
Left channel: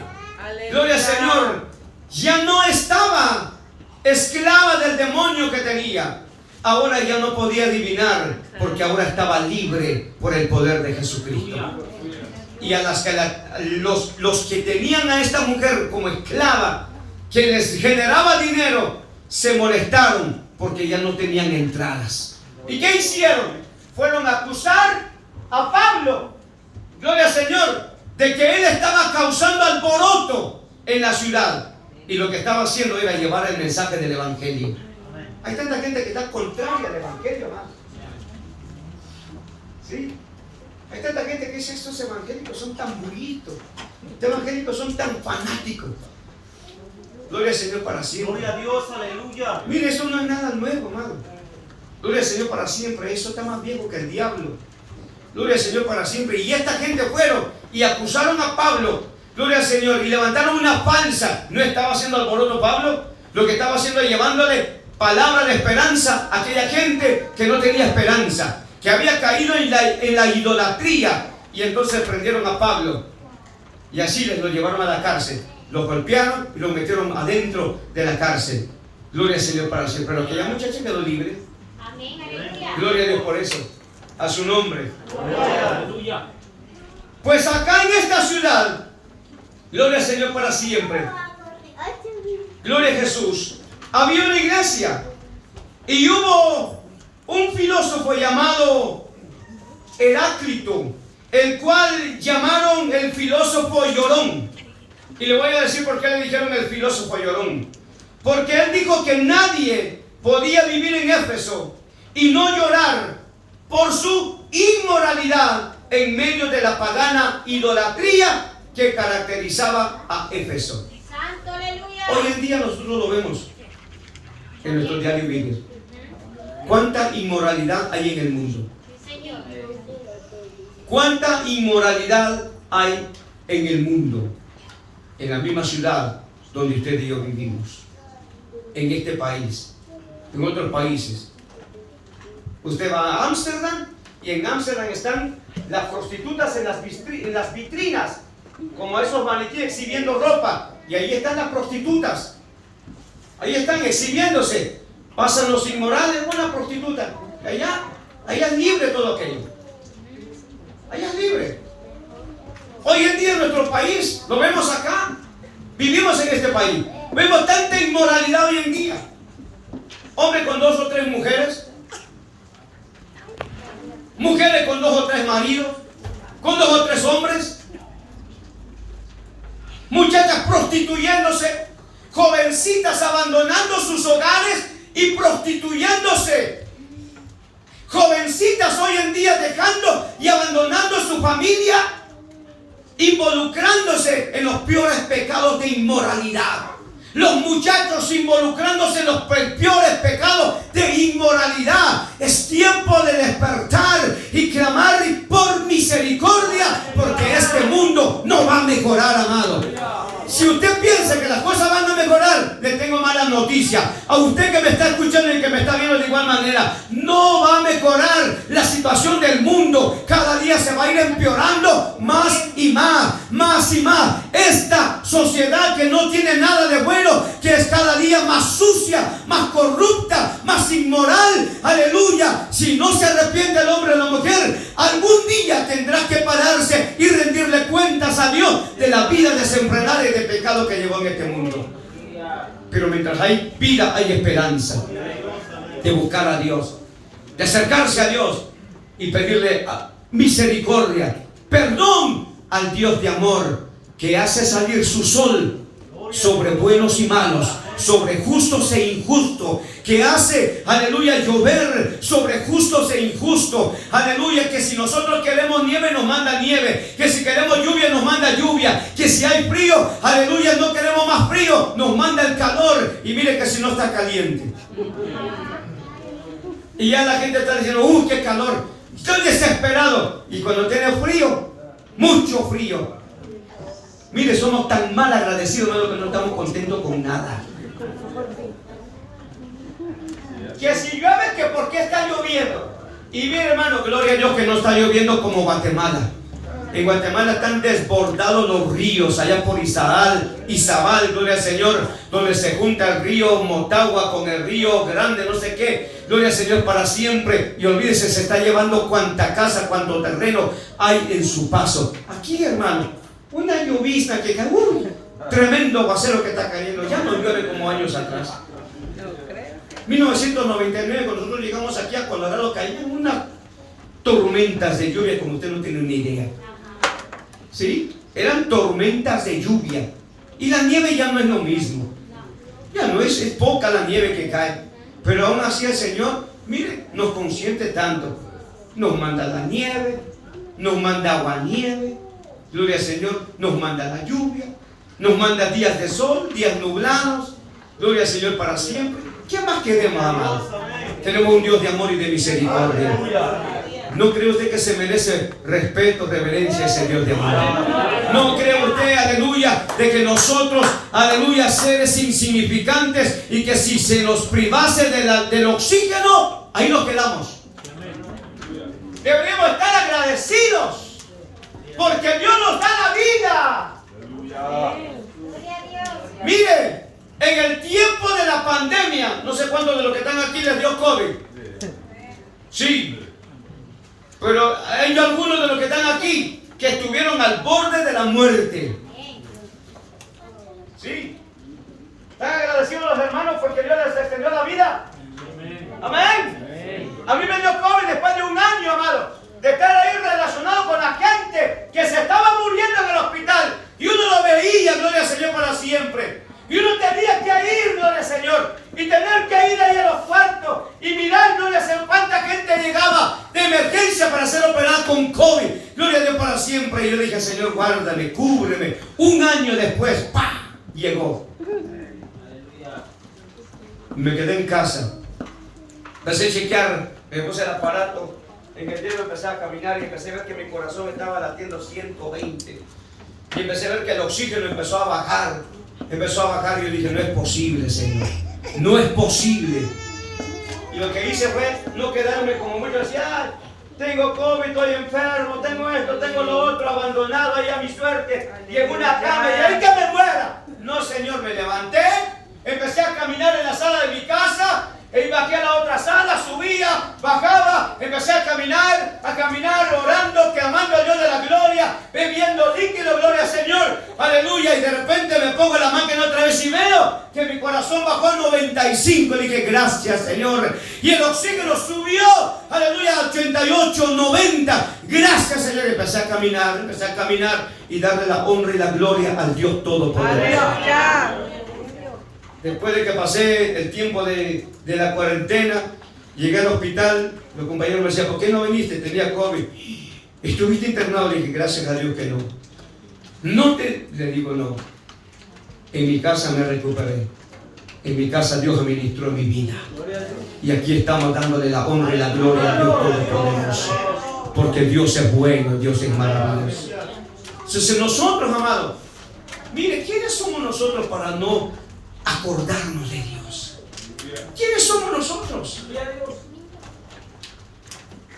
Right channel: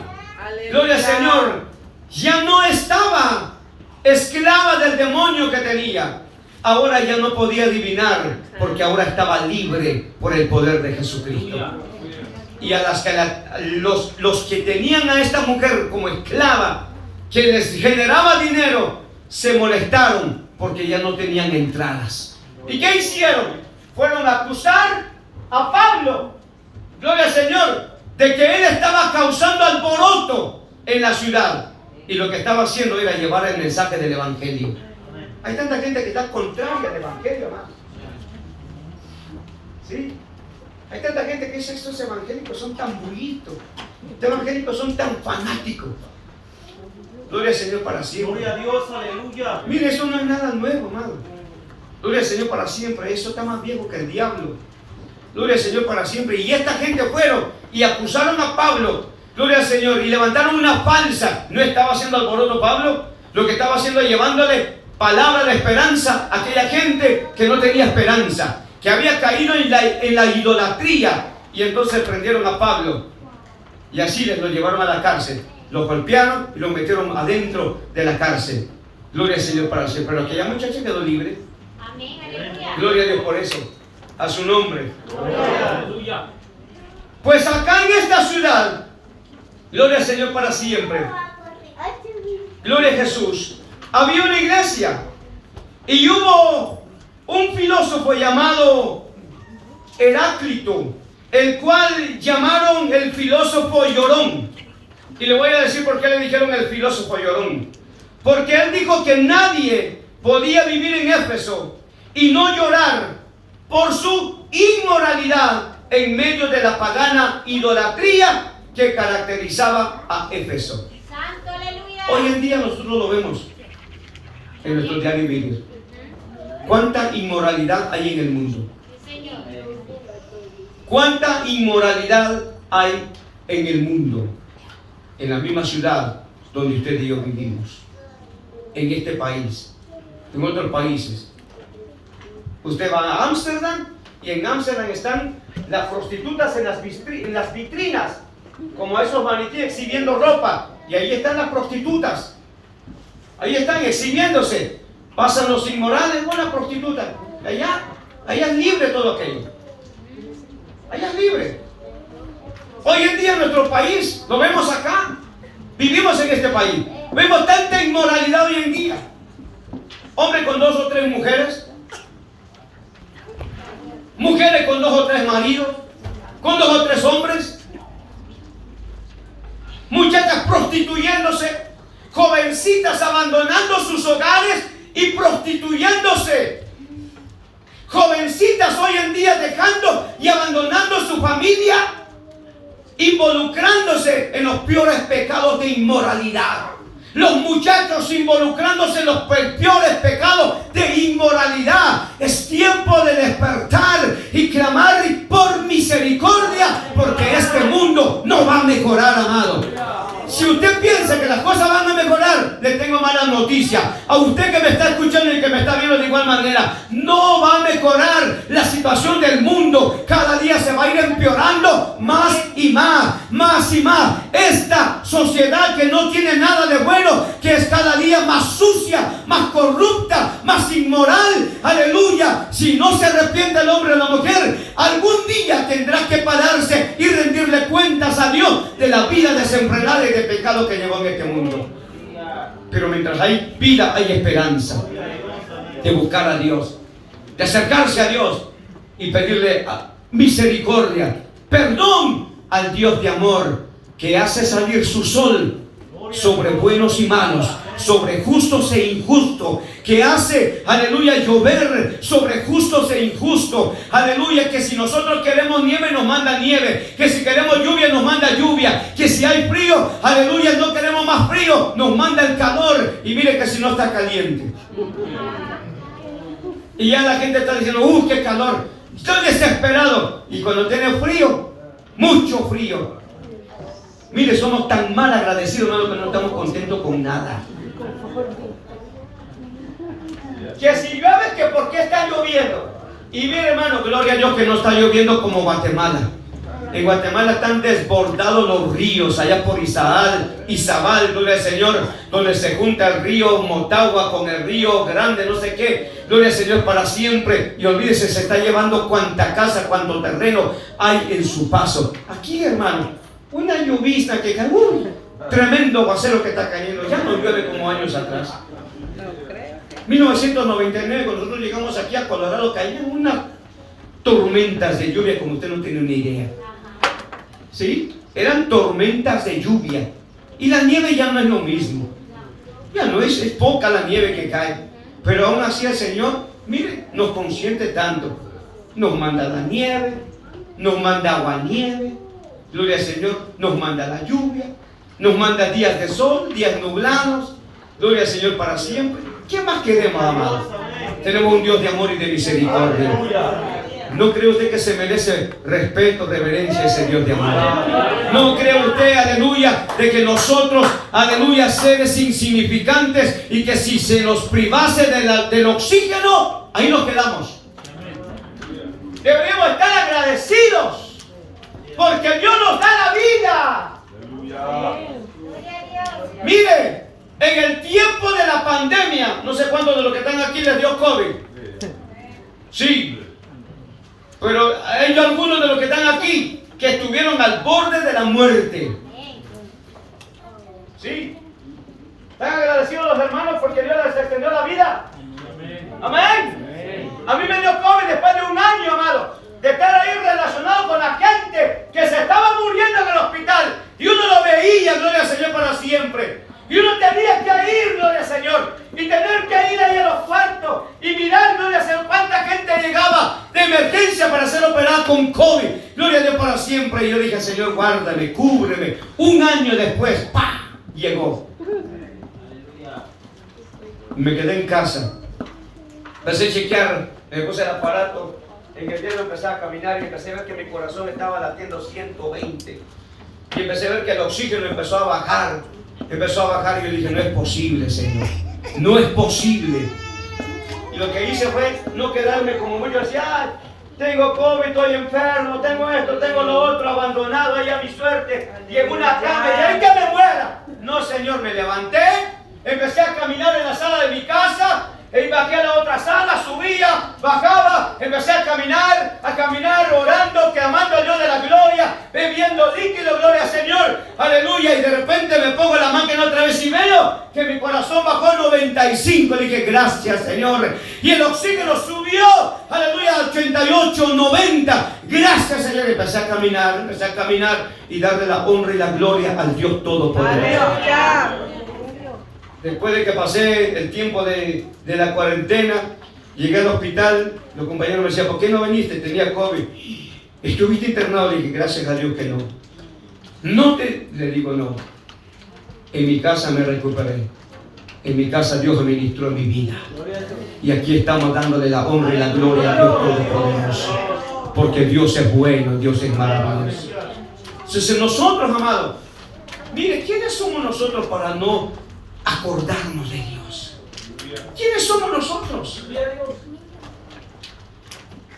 gloria al Señor, ya no estaba esclava del demonio que tenía. Ahora ya no podía adivinar, porque ahora estaba libre por el poder de Jesucristo. Y a los que tenían a esta mujer como esclava, que les generaba dinero, se molestaron porque ya no tenían entradas. ¿Y qué hicieron? Fueron a acusar a Pablo, gloria al Señor, de que él estaba causando alboroto en la ciudad. Y lo que estaba haciendo era llevar el mensaje del evangelio. Hay tanta gente que está contraria al evangelio, ¿no? ¿Sí? Hay tanta gente que dice, estos evangélicos son tan bonitos, estos evangélicos son tan fanáticos. Gloria al Señor para siempre. Gloria a Dios, aleluya. Mire, eso no es nada nuevo, amado. Gloria al Señor para siempre. Eso está más viejo que el diablo. Gloria al Señor para siempre. Y esta gente fueron y acusaron a Pablo. Gloria al Señor. Y levantaron una falsa. ¿No estaba haciendo alboroto Pablo? Lo que estaba haciendo es llevándole palabra de esperanza a aquella gente que no tenía esperanza, que había caído en la idolatría. Y entonces prendieron a Pablo. Y así les lo llevaron a la cárcel. Los golpearon y los metieron adentro de la cárcel. Gloria al Señor para siempre. Pero aquella muchacha quedó libre. Amén, aleluya. Gloria a Dios por eso. A su nombre. Aleluya. Pues acá en esta ciudad, gloria al Señor para siempre. Gloria a Jesús. Había una iglesia. Y hubo un filósofo llamado Heráclito, el cual llamaron el filósofo llorón. Y le voy a decir por qué le dijeron el filósofo llorón. Porque él dijo que nadie podía vivir en Éfeso y no llorar por su inmoralidad en medio de la pagana idolatría que caracterizaba a Éfeso. Santo, aleluya. Hoy en día nosotros lo vemos en nuestro diario vivir. ¿Cuánta inmoralidad hay en el mundo? Sí, Señor. ¿Cuánta inmoralidad hay en el mundo? En la misma ciudad donde usted y yo vivimos, en este país, en otros países. Usted va a Ámsterdam y en Ámsterdam están las prostitutas en las vitrinas, como esos maniquíes exhibiendo ropa, y ahí están las prostitutas, ahí están exhibiéndose. Pasan los inmorales, buena prostituta, allá es libre todo aquello, allá es libre. Hoy en día en nuestro país, lo vemos acá, vivimos en este país, vemos tanta inmoralidad hoy en día. Hombre con 2 o 3 mujeres, mujeres con 2 o 3 maridos, con 2 o 3 hombres, muchachas prostituyéndose, jovencitas abandonando sus hogares y prostituyéndose, jovencitas hoy en día dejando y abandonando su familia, involucrándose en los peores pecados de inmoralidad. Los muchachos involucrándose en los peores pecados de inmoralidad. Es tiempo de despertar y clamar por misericordia, porque este mundo no va a mejorar, amado. Si usted piensa que las cosas van a mejorar, le tengo mala noticia. A usted que me está escuchando y que me está viendo de igual manera, no va a mejorar la situación del mundo. Cada día se va a ir empeorando más y más, más y más. Esta sociedad que no tiene nada de bueno, que es cada día más sucia, más corrupta, más inmoral. Aleluya. Si no se arrepiente el hombre o la mujer, algún día tendrá que pararse y rendirle cuentas a Dios de la vida desenfrenada y de pecado que llevó en este mundo. Pero mientras hay vida, hay esperanza de buscar a Dios, de acercarse a Dios y pedirle misericordia, perdón al Dios de amor, que hace salir su sol sobre buenos y malos, sobre justos e injustos, que hace, aleluya, llover sobre justos e injustos. Aleluya, que si nosotros queremos nieve nos manda nieve, que si queremos lluvia nos manda lluvia, que si hay frío, aleluya, no queremos más frío, nos manda el calor. Y mire que si no está caliente, y ya la gente está diciendo, qué calor, estoy desesperado. Y cuando tiene frío, mucho frío, mire, somos tan mal agradecidos, hermano, que no estamos contentos con nada. Que si llueve, que por qué está lloviendo. Y mire, hermano, gloria a Dios que no está lloviendo como Guatemala. En Guatemala están desbordados los ríos, allá por Izabal, gloria al Señor, donde se junta el río Motagua con el río Grande, no sé qué. Gloria al Señor para siempre. Y olvídese, se está llevando cuanta casa, cuanto terreno hay en su paso. Aquí, hermano, una llovizna que cae, tremendo aguacero que está cayendo. Ya no llueve como años atrás. 1999, cuando nosotros llegamos aquí a Colorado, caían unas tormentas de lluvia como usted no tiene ni idea. ¿Sí? Eran tormentas de lluvia. Y la nieve ya no es lo mismo. Ya no es poca la nieve que cae. Pero aún así el Señor, mire, nos consiente tanto. Nos manda la nieve, nos manda agua, nieve, gloria al Señor, nos manda la lluvia, nos manda días de sol, días nublados, gloria al Señor para siempre. ¿Qué más queremos, amados? Tenemos un Dios de amor y de misericordia. ¿No cree usted que se merece respeto, reverencia a ese Dios de amor? ¿No cree usted, aleluya, de que nosotros, aleluya, seres insignificantes y que si se nos privase del oxígeno, ahí nos quedamos? Deberíamos estar agradecidos porque Dios nos da la vida. Gloria a Dios. Mire, en el tiempo de la pandemia, no sé cuántos de los que están aquí les dio COVID. Sí. Pero hay algunos de los que están aquí que estuvieron al borde de la muerte. Sí. ¿Están agradecidos los hermanos porque Dios les extendió la vida? Amén. A mí me dio COVID después de un año, amado, de estar ahí relacionado con la gente que se estaba muriendo en el hospital. Y uno lo veía, gloria al Señor, para siempre. Y uno tenía que ir, gloria al Señor, y tener que ir ahí a los cuartos y mirar, gloria al Señor, cuánta gente llegaba de emergencia para ser operada con COVID. Gloria a Dios para siempre. Y yo dije, Señor, guárdame, cúbreme. Un año después, ¡pah!, llegó. Me quedé en casa. Empecé a chequear, me puse el aparato, en el dedo empecé a caminar y empecé a ver que mi corazón estaba latiendo 120. Y empecé a ver que el oxígeno empezó a bajar. Empezó a bajar y yo dije, no es posible, Señor. No es posible. Y lo que hice fue no quedarme como muchos decían, ay, tengo COVID, estoy enfermo, tengo esto, tengo lo otro, abandonado ahí a mi suerte, y en una cama, y ahí que me muera. No, Señor, me levanté, empecé a caminar en la sala de mi casa, y bajé a la otra sala, subía, bajaba, empecé a caminar, orando, clamando a Dios de la gloria, bebiendo líquido, gloria al Señor, aleluya, y de repente me pongo la máquina otra vez y veo que mi corazón bajó a 95, y dije, gracias, Señor, y el oxígeno subió, aleluya, a 88, 90, gracias, Señor, empecé a caminar, y darle la honra y la gloria al Dios Todopoderoso. Aleluya. Después de que pasé el tiempo de la cuarentena, llegué al hospital, los compañeros me decían, ¿por qué no viniste? Tenía COVID. ¿Estuviste internado? Le dije, gracias a Dios que no. Le digo, no. En mi casa me recuperé. En mi casa Dios administró mi vida. Y aquí estamos dándole la honra y la gloria a Dios Todopoderoso. Porque Dios es bueno, Dios es maravilloso. Entonces nosotros, amados, mire, ¿quiénes somos nosotros para no acordarnos de Dios? ¿Quiénes somos nosotros?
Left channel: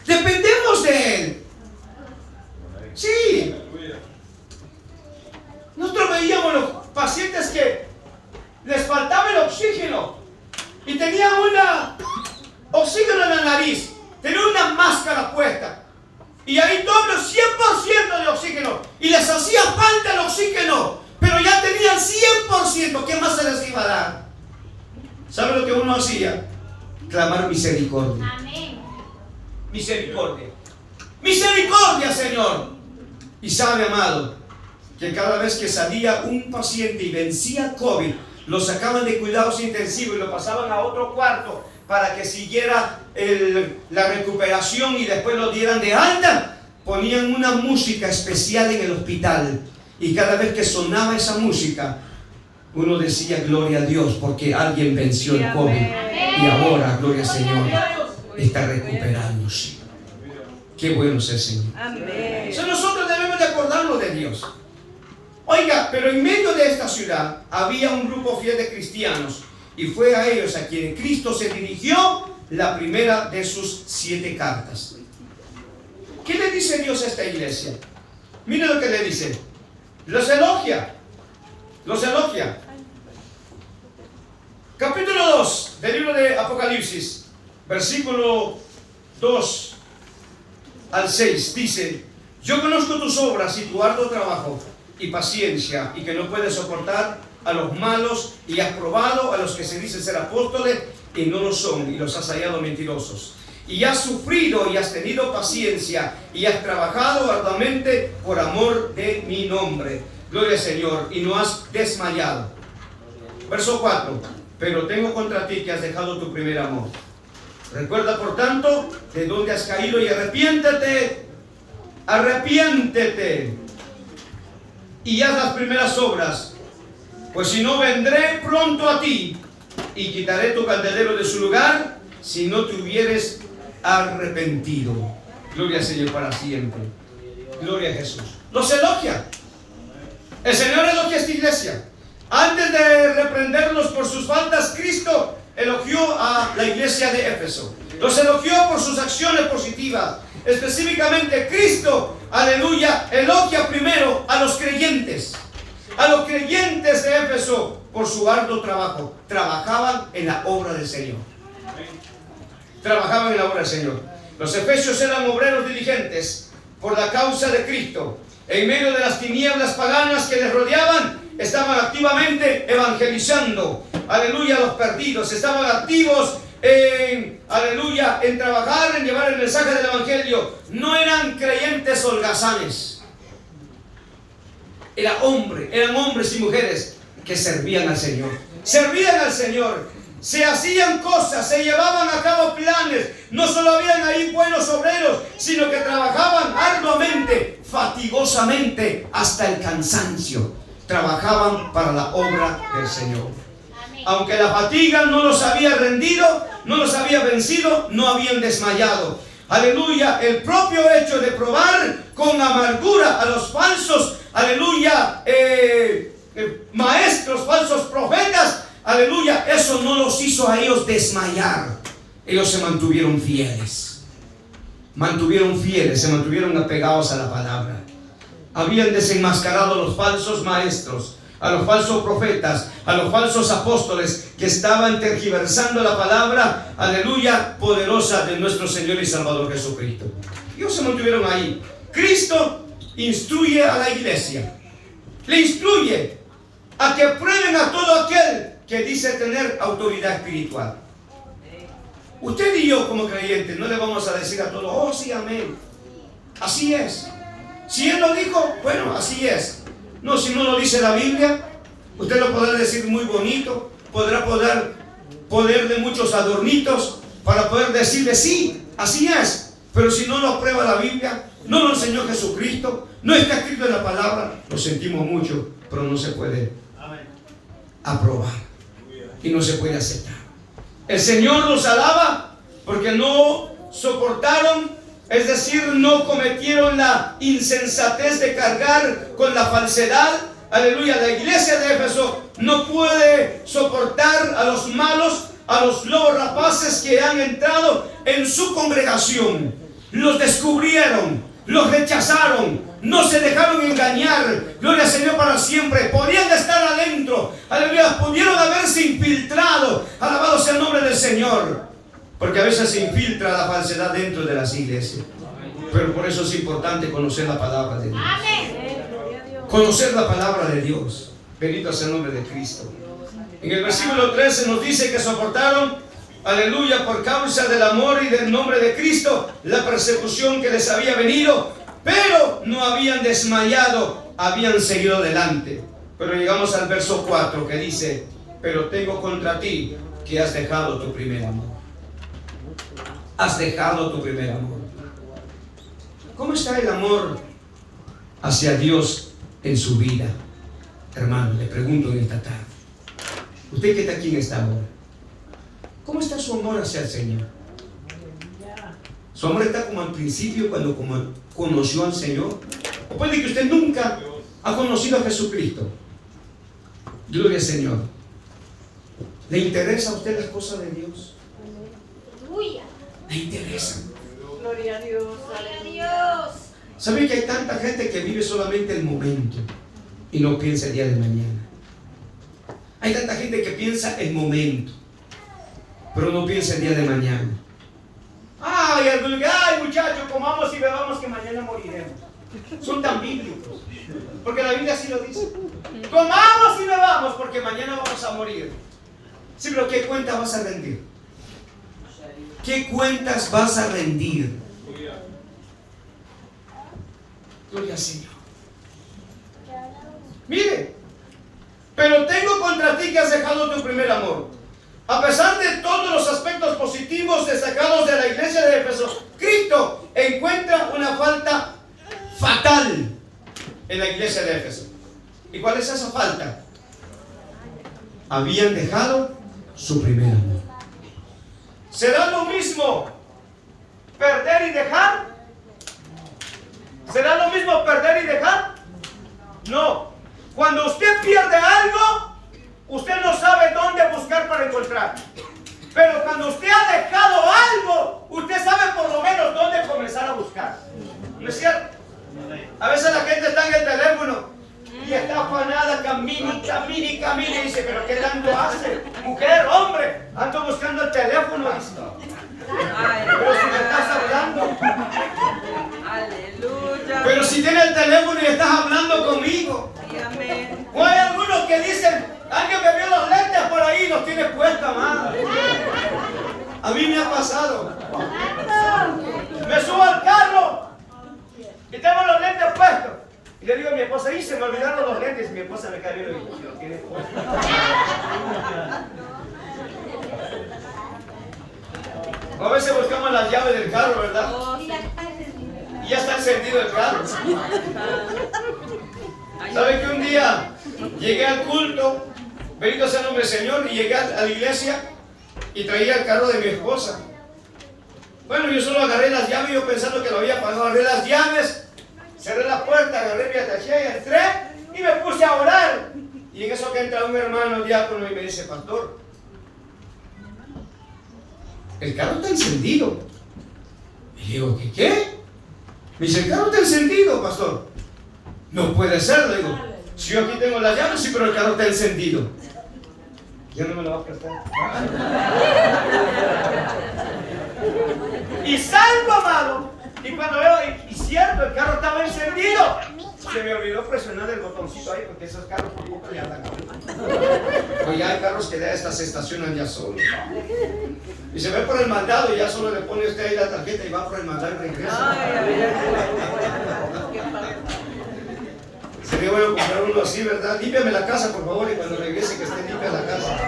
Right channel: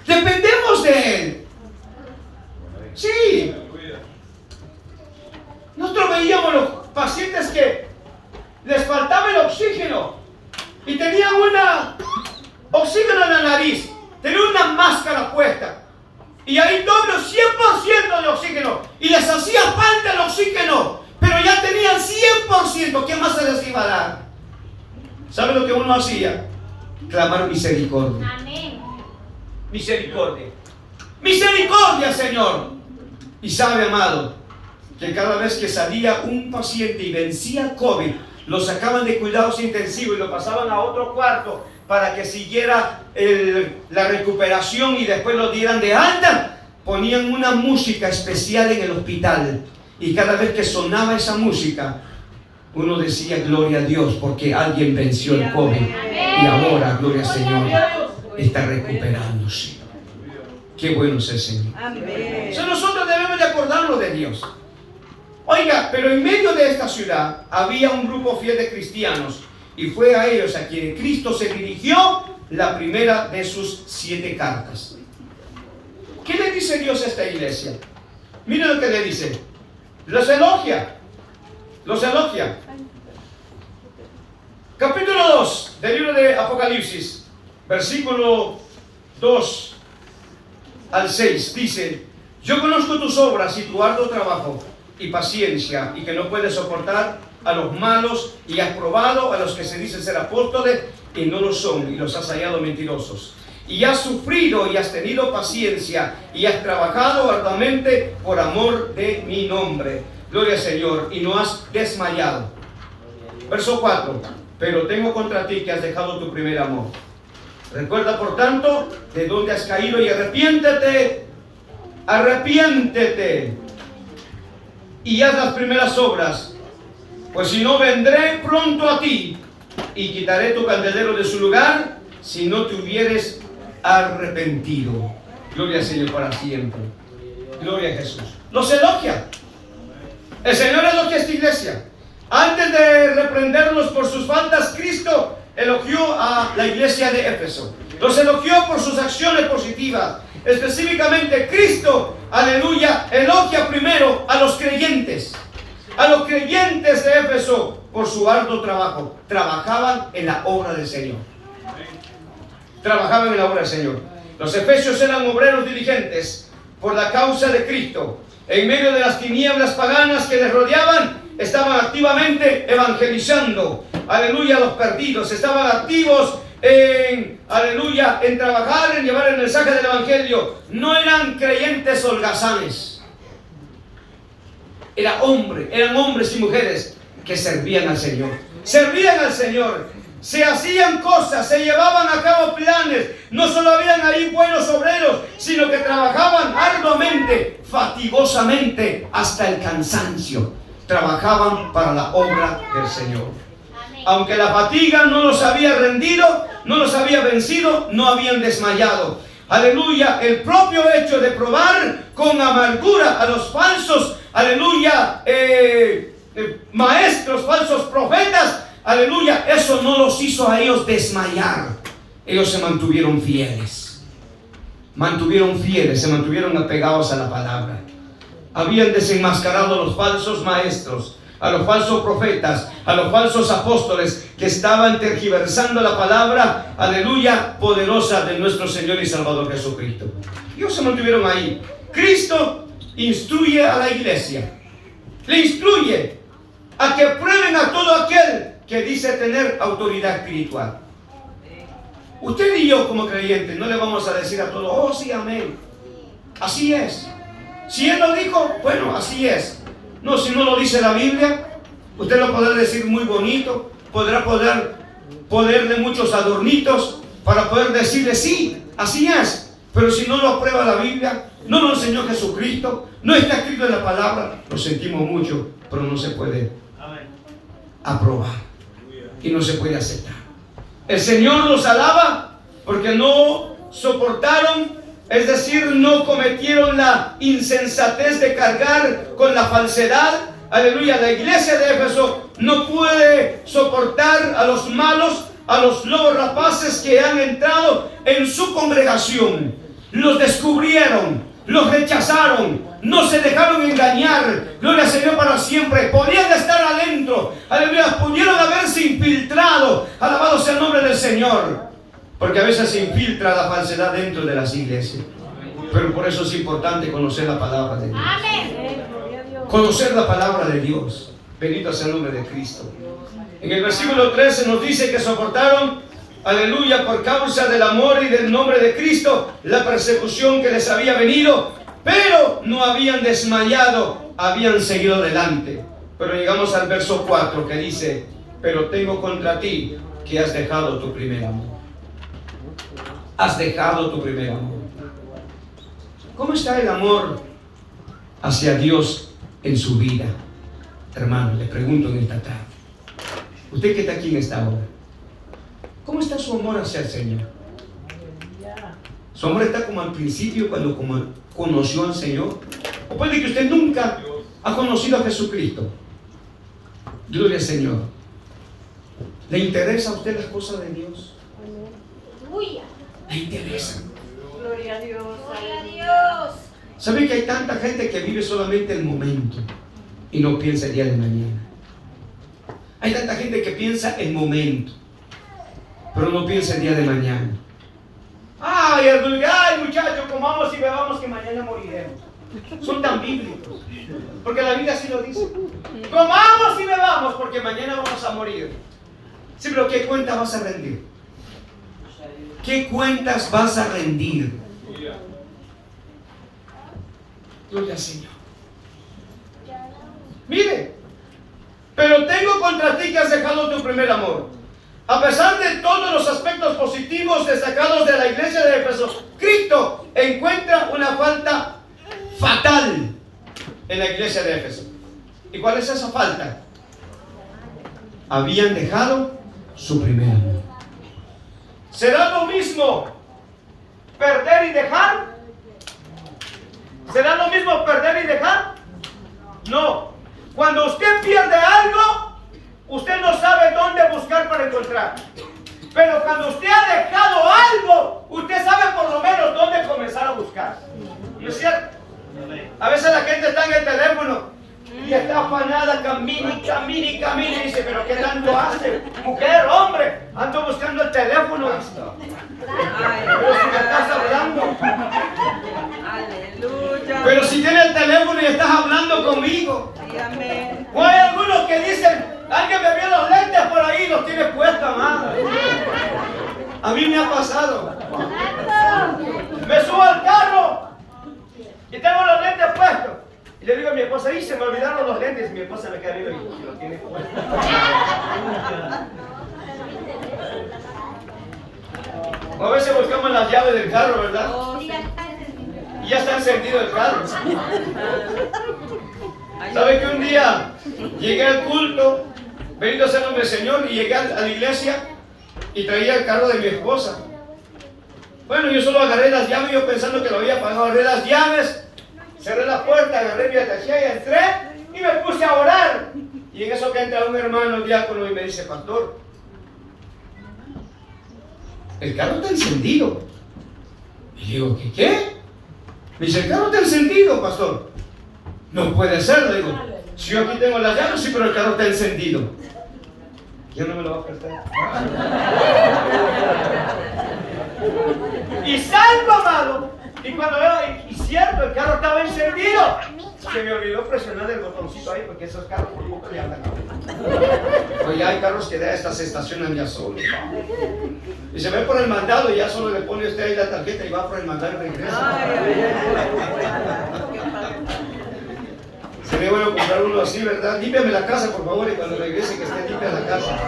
Dependemos de Él. Sí. Nosotros veíamos los pacientes que les faltaba el oxígeno y tenían oxígeno en la nariz, tenían una máscara puesta y ahí doble 100% de oxígeno y les hacía falta el oxígeno, pero ya tenían 100%. ¿Qué más se les iba a dar? ¿Sabe lo que uno hacía? Clamar misericordia. Amén. Misericordia. Misericordia, Señor. Y sabe, amado, que cada vez que salía un paciente y vencía COVID, lo sacaban de cuidados intensivos y lo pasaban a otro cuarto para que siguiera la recuperación y después lo dieran de alta. Ponían una música especial en el hospital y cada vez que sonaba esa música, uno decía gloria a Dios porque alguien venció el COVID y ahora, gloria al Señor, está recuperándose. Qué bueno es el Señor. Entonces nosotros debemos de acordarnos de Dios. Oiga, pero en medio de esta ciudad había un grupo fiel de cristianos y fue a ellos a quienes Cristo se dirigió la primera de sus 7 cartas. ¿Qué le dice Dios a esta iglesia? Mire lo que le dice. Los elogia. Los elogia. Capítulo 2 del libro de Apocalipsis, versículo 2 al 6, dice: yo conozco tus obras y tu arduo trabajo y paciencia, y que no puedes soportar a los malos, y has probado a los que se dicen ser apóstoles y no lo son, y los has hallado mentirosos. Y has sufrido y has tenido paciencia y has trabajado arduamente por amor de mi nombre. Gloria al Señor. Y no has desmayado. Verso 4. Pero tengo contra ti que has dejado tu primer amor. Recuerda por tanto de dónde has caído y arrepiéntete arrepiéntete y haz las primeras obras, pues si no, vendré pronto a ti y quitaré tu candelero de su lugar si no te hubieres arrepentido. Gloria al Señor para siempre. Gloria a Jesús. Los elogia. El Señor elogia a esta iglesia. Antes de reprenderlos por sus faltas, Cristo elogió a la iglesia de Éfeso. Los elogió por sus acciones positivas. Específicamente, Cristo, aleluya, elogia primero a los creyentes. A los creyentes de Éfeso por su arduo trabajo. Trabajaban en la obra del Señor. Trabajaban en la obra del Señor. Los efesios eran obreros diligentes por la causa de Cristo. En medio de las tinieblas paganas que les rodeaban, estaban activamente evangelizando, aleluya, a los perdidos. Estaban activos en, aleluya, en trabajar, en llevar el mensaje del evangelio. No eran creyentes holgazanes. Eran hombres y mujeres que servían al Señor. Servían al Señor. Se hacían cosas, se llevaban a cabo planes. No solo habían ahí buenos obreros, sino que trabajaban arduamente, fatigosamente, hasta el cansancio. Trabajaban para la obra del Señor. Aunque la fatiga no los había rendido, no los había vencido, no habían desmayado. Aleluya, el propio hecho de probar con amargura a los falsos, aleluya, maestros, falsos profetas, aleluya, eso no los hizo a ellos desmayar. Ellos se mantuvieron fieles. Se mantuvieron apegados a la palabra. Habían desenmascarado a los falsos maestros, a los falsos profetas, a los falsos apóstoles que estaban tergiversando la palabra, aleluya, poderosa de nuestro Señor y Salvador Jesucristo. Ellos se mantuvieron ahí. Cristo instruye a la iglesia. Le instruye a que prueben a todo aquel que dice tener autoridad espiritual. Usted y yo como creyentes no le vamos a decir a todos, oh sí, amén, así es. Si Él lo dijo, bueno, así es. No, si no lo dice la Biblia, usted lo podrá decir muy bonito, podrá ponerle muchos adornitos para poder decirle sí, así es. Pero si no lo aprueba la Biblia, no lo enseñó Jesucristo, no está escrito en la palabra, lo sentimos mucho, pero no se puede aprobar y no se puede aceptar. El Señor los alaba porque no soportaron, es decir, no cometieron la insensatez de cargar con la falsedad. Aleluya, la iglesia de Éfeso no puede soportar a los malos, a los lobos rapaces que han entrado en su congregación. Los descubrieron, los rechazaron, no se dejaron engañar. Gloria al Señor para siempre. Podían estar adentro, aleluya, pudieron haberse infiltrado. Alabado sea el nombre del Señor. Porque a veces se infiltra la falsedad dentro de las iglesias. Pero por eso es importante conocer la palabra de Dios. Conocer la palabra de Dios. Bendito sea el nombre de Cristo. En el versículo 13 nos dice que soportaron, aleluya, por causa del amor y del nombre de Cristo, la persecución que les había venido, pero no habían desmayado, habían seguido adelante. Pero llegamos al verso 4 que dice, pero tengo contra ti que has dejado tu primer amor. Has dejado tu primer amor. ¿Cómo está el amor hacia Dios en su vida? Hermano, le pregunto en esta tarde. Usted que está aquí en esta hora, ¿cómo está su amor hacia el Señor? ¿Su amor está como al principio cuando conoció al Señor? ¿O puede que usted nunca ha conocido a Jesucristo? Gloria al Señor. ¿Le interesa a usted las cosas de Dios? ¿Le interesa? Gloria a Dios. Gloria a Dios. ¿Sabe que hay tanta gente que vive solamente el momento y no piensa el día de mañana? Hay tanta gente que piensa el momento, pero no piensa el día de mañana. Ay, muchachos, comamos y bebamos que mañana moriremos. Son tan bíblicos, porque la Biblia así lo dice. Comamos y bebamos porque mañana vamos a morir. Sí, pero ¿qué cuentas vas a rendir? ¿Qué cuentas vas a rendir? Gloria al Señor. Mire, pero tengo contra ti que has dejado tu primer amor. A pesar de todos los aspectos positivos destacados de la iglesia de Éfeso, Cristo encuentra una falta fatal en la iglesia de Éfeso. ¿Y cuál es esa falta? Habían dejado su primer amor. ¿Será lo mismo perder y dejar? ¿Será lo mismo perder y dejar? No. Cuando usted pierde algo, usted no sabe dónde buscar para encontrar. Pero cuando usted ha dejado algo, usted sabe por lo menos dónde comenzar a buscar. ¿No es cierto? A veces la gente está en el teléfono y está afanada, camina y dice, pero ¿qué tanto hace? Mujer, hombre, ando buscando el teléfono. Pero si me estás hablando. Aleluya. Pero si tienes el teléfono y estás hablando conmigo. Amén. O hay algunos que dicen, alguien me vio los lentes por ahí y los tiene puestos, amado. A mí me ha pasado. Me subo al carro y tengo los lentes puestos. Y le digo a mi esposa, se me olvidaron los lentes. Y mi esposa me cae viendo y dice, los tiene puestos. O a veces buscamos las llaves del carro, ¿verdad? Y ya está encendido el carro. ¿Sabe que un día llegué al culto, bendito sea el nombre del Señor, y llegué a la iglesia y traía el carro de mi esposa? Bueno, yo solo agarré las llaves, yo pensando que lo había pagado, agarré las llaves, cerré la puerta, agarré mi ataché, entré y me puse a orar. Y en eso que entra un hermano diácono y me dice, pastor, el carro está encendido. Y digo, ¿qué? Me dice, el carro está encendido, pastor. No puede ser, le digo. Si yo aquí tengo las llaves, sí, pero el carro está encendido. ¿Ya no me lo va a prestar? Y salgo, amado. Y cuando veo, y cierto, el carro estaba encendido. Se me olvidó presionar el botoncito ahí, porque esos carros por poco le andan. Pues ya hay carros que ya estas se estacionan ya solos. Y se ve por el mandado y ya solo le pone usted ahí la tarjeta y va por el mandado y regresa. Sería bueno comprar uno así, ¿verdad? Límpiame la casa, por favor, y cuando regrese que esté limpia la casa.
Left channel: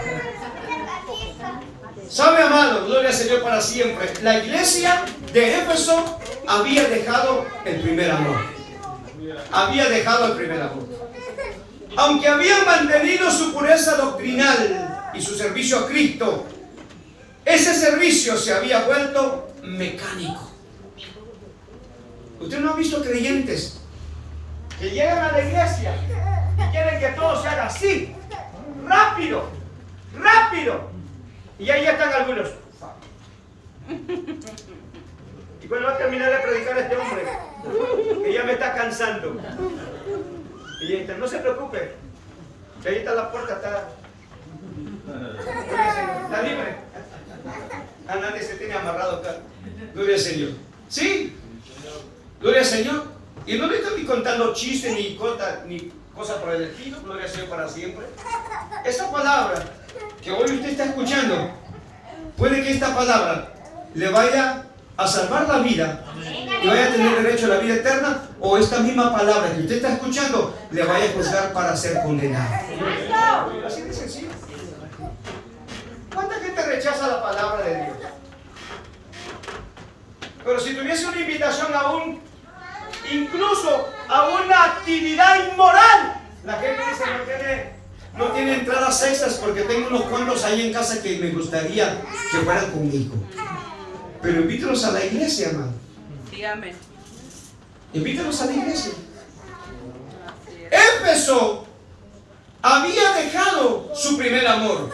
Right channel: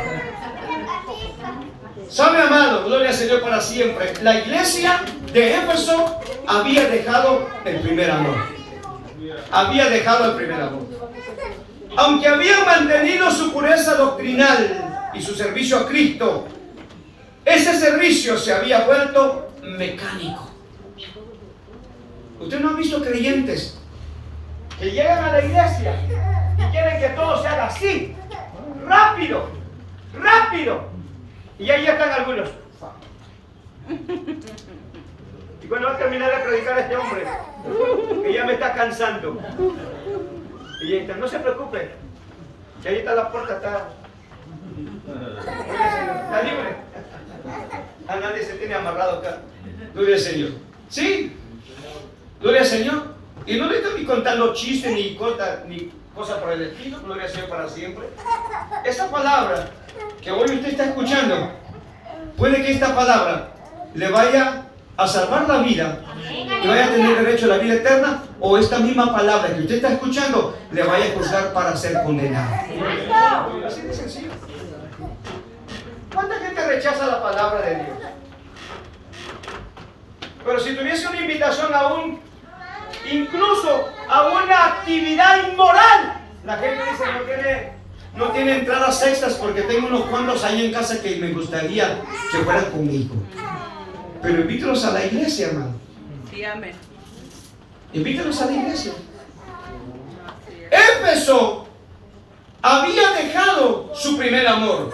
¿Sabe, amado? Gloria al Señor para siempre. La iglesia de Éfeso había dejado el primer amor. Había dejado el primer amor. Aunque habían mantenido su pureza doctrinal y su servicio a Cristo, ese servicio se había vuelto mecánico. ¿Usted no ha visto creyentes que llegan a la iglesia y quieren que todo se haga así, rápido, rápido? Y ahí ya están algunos. Y cuando va a terminar de predicar este hombre, que ya me está cansando. Y entra, no se preocupe, que ahí está la puerta, está libre. A nadie se tiene amarrado acá. Gloria al Señor. ¿Sí? Gloria al Señor. Y no le estoy ni contando chistes ni cosas por el estilo. Gloria al Señor para siempre. Esta palabra que hoy usted está escuchando, puede que esta palabra le vaya a salvar la vida y vaya a tener derecho a la vida eterna, o esta misma palabra que usted está escuchando le vaya a juzgar para ser condenado. Así de sencillo. ¿Cuánta gente rechaza la palabra de Dios? Pero si tuviese una invitación incluso a una actividad inmoral, la gente dice no tiene entradas extras porque tengo unos cuantos ahí en casa que me gustaría que fueran conmigo. Pero invítalos a la iglesia, hermano. Sí, amén. Invítalos a la iglesia. Éfeso había dejado su primer amor.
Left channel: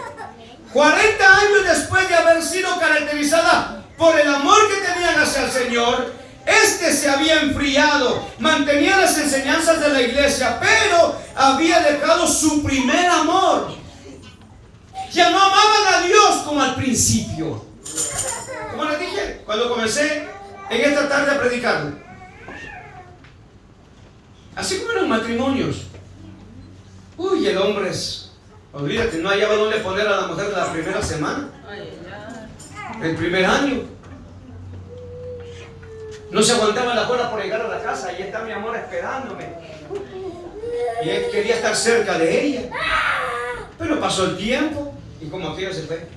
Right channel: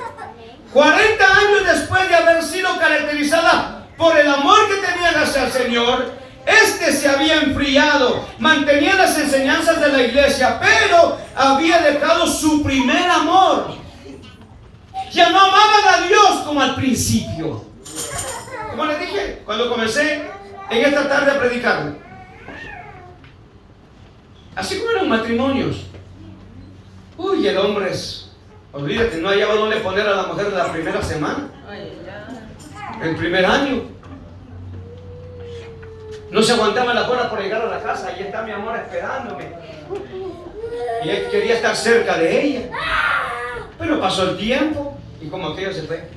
40 años después de haber sido caracterizada por el amor que tenían hacia el Señor, este se había enfriado, mantenía las enseñanzas de la iglesia, pero había dejado su primer amor. Ya no amaban a Dios como al principio. Como les dije, cuando comencé en esta tarde a predicar, así como eran matrimonios, uy, el hombre olvídate, no hallaba dónde poner a la mujer de la primera semana, el primer año. No se aguantaba la hora por llegar a la casa. Ahí está mi amor esperándome. Y él quería estar cerca de ella. Pero pasó el tiempo y como aquello se fue.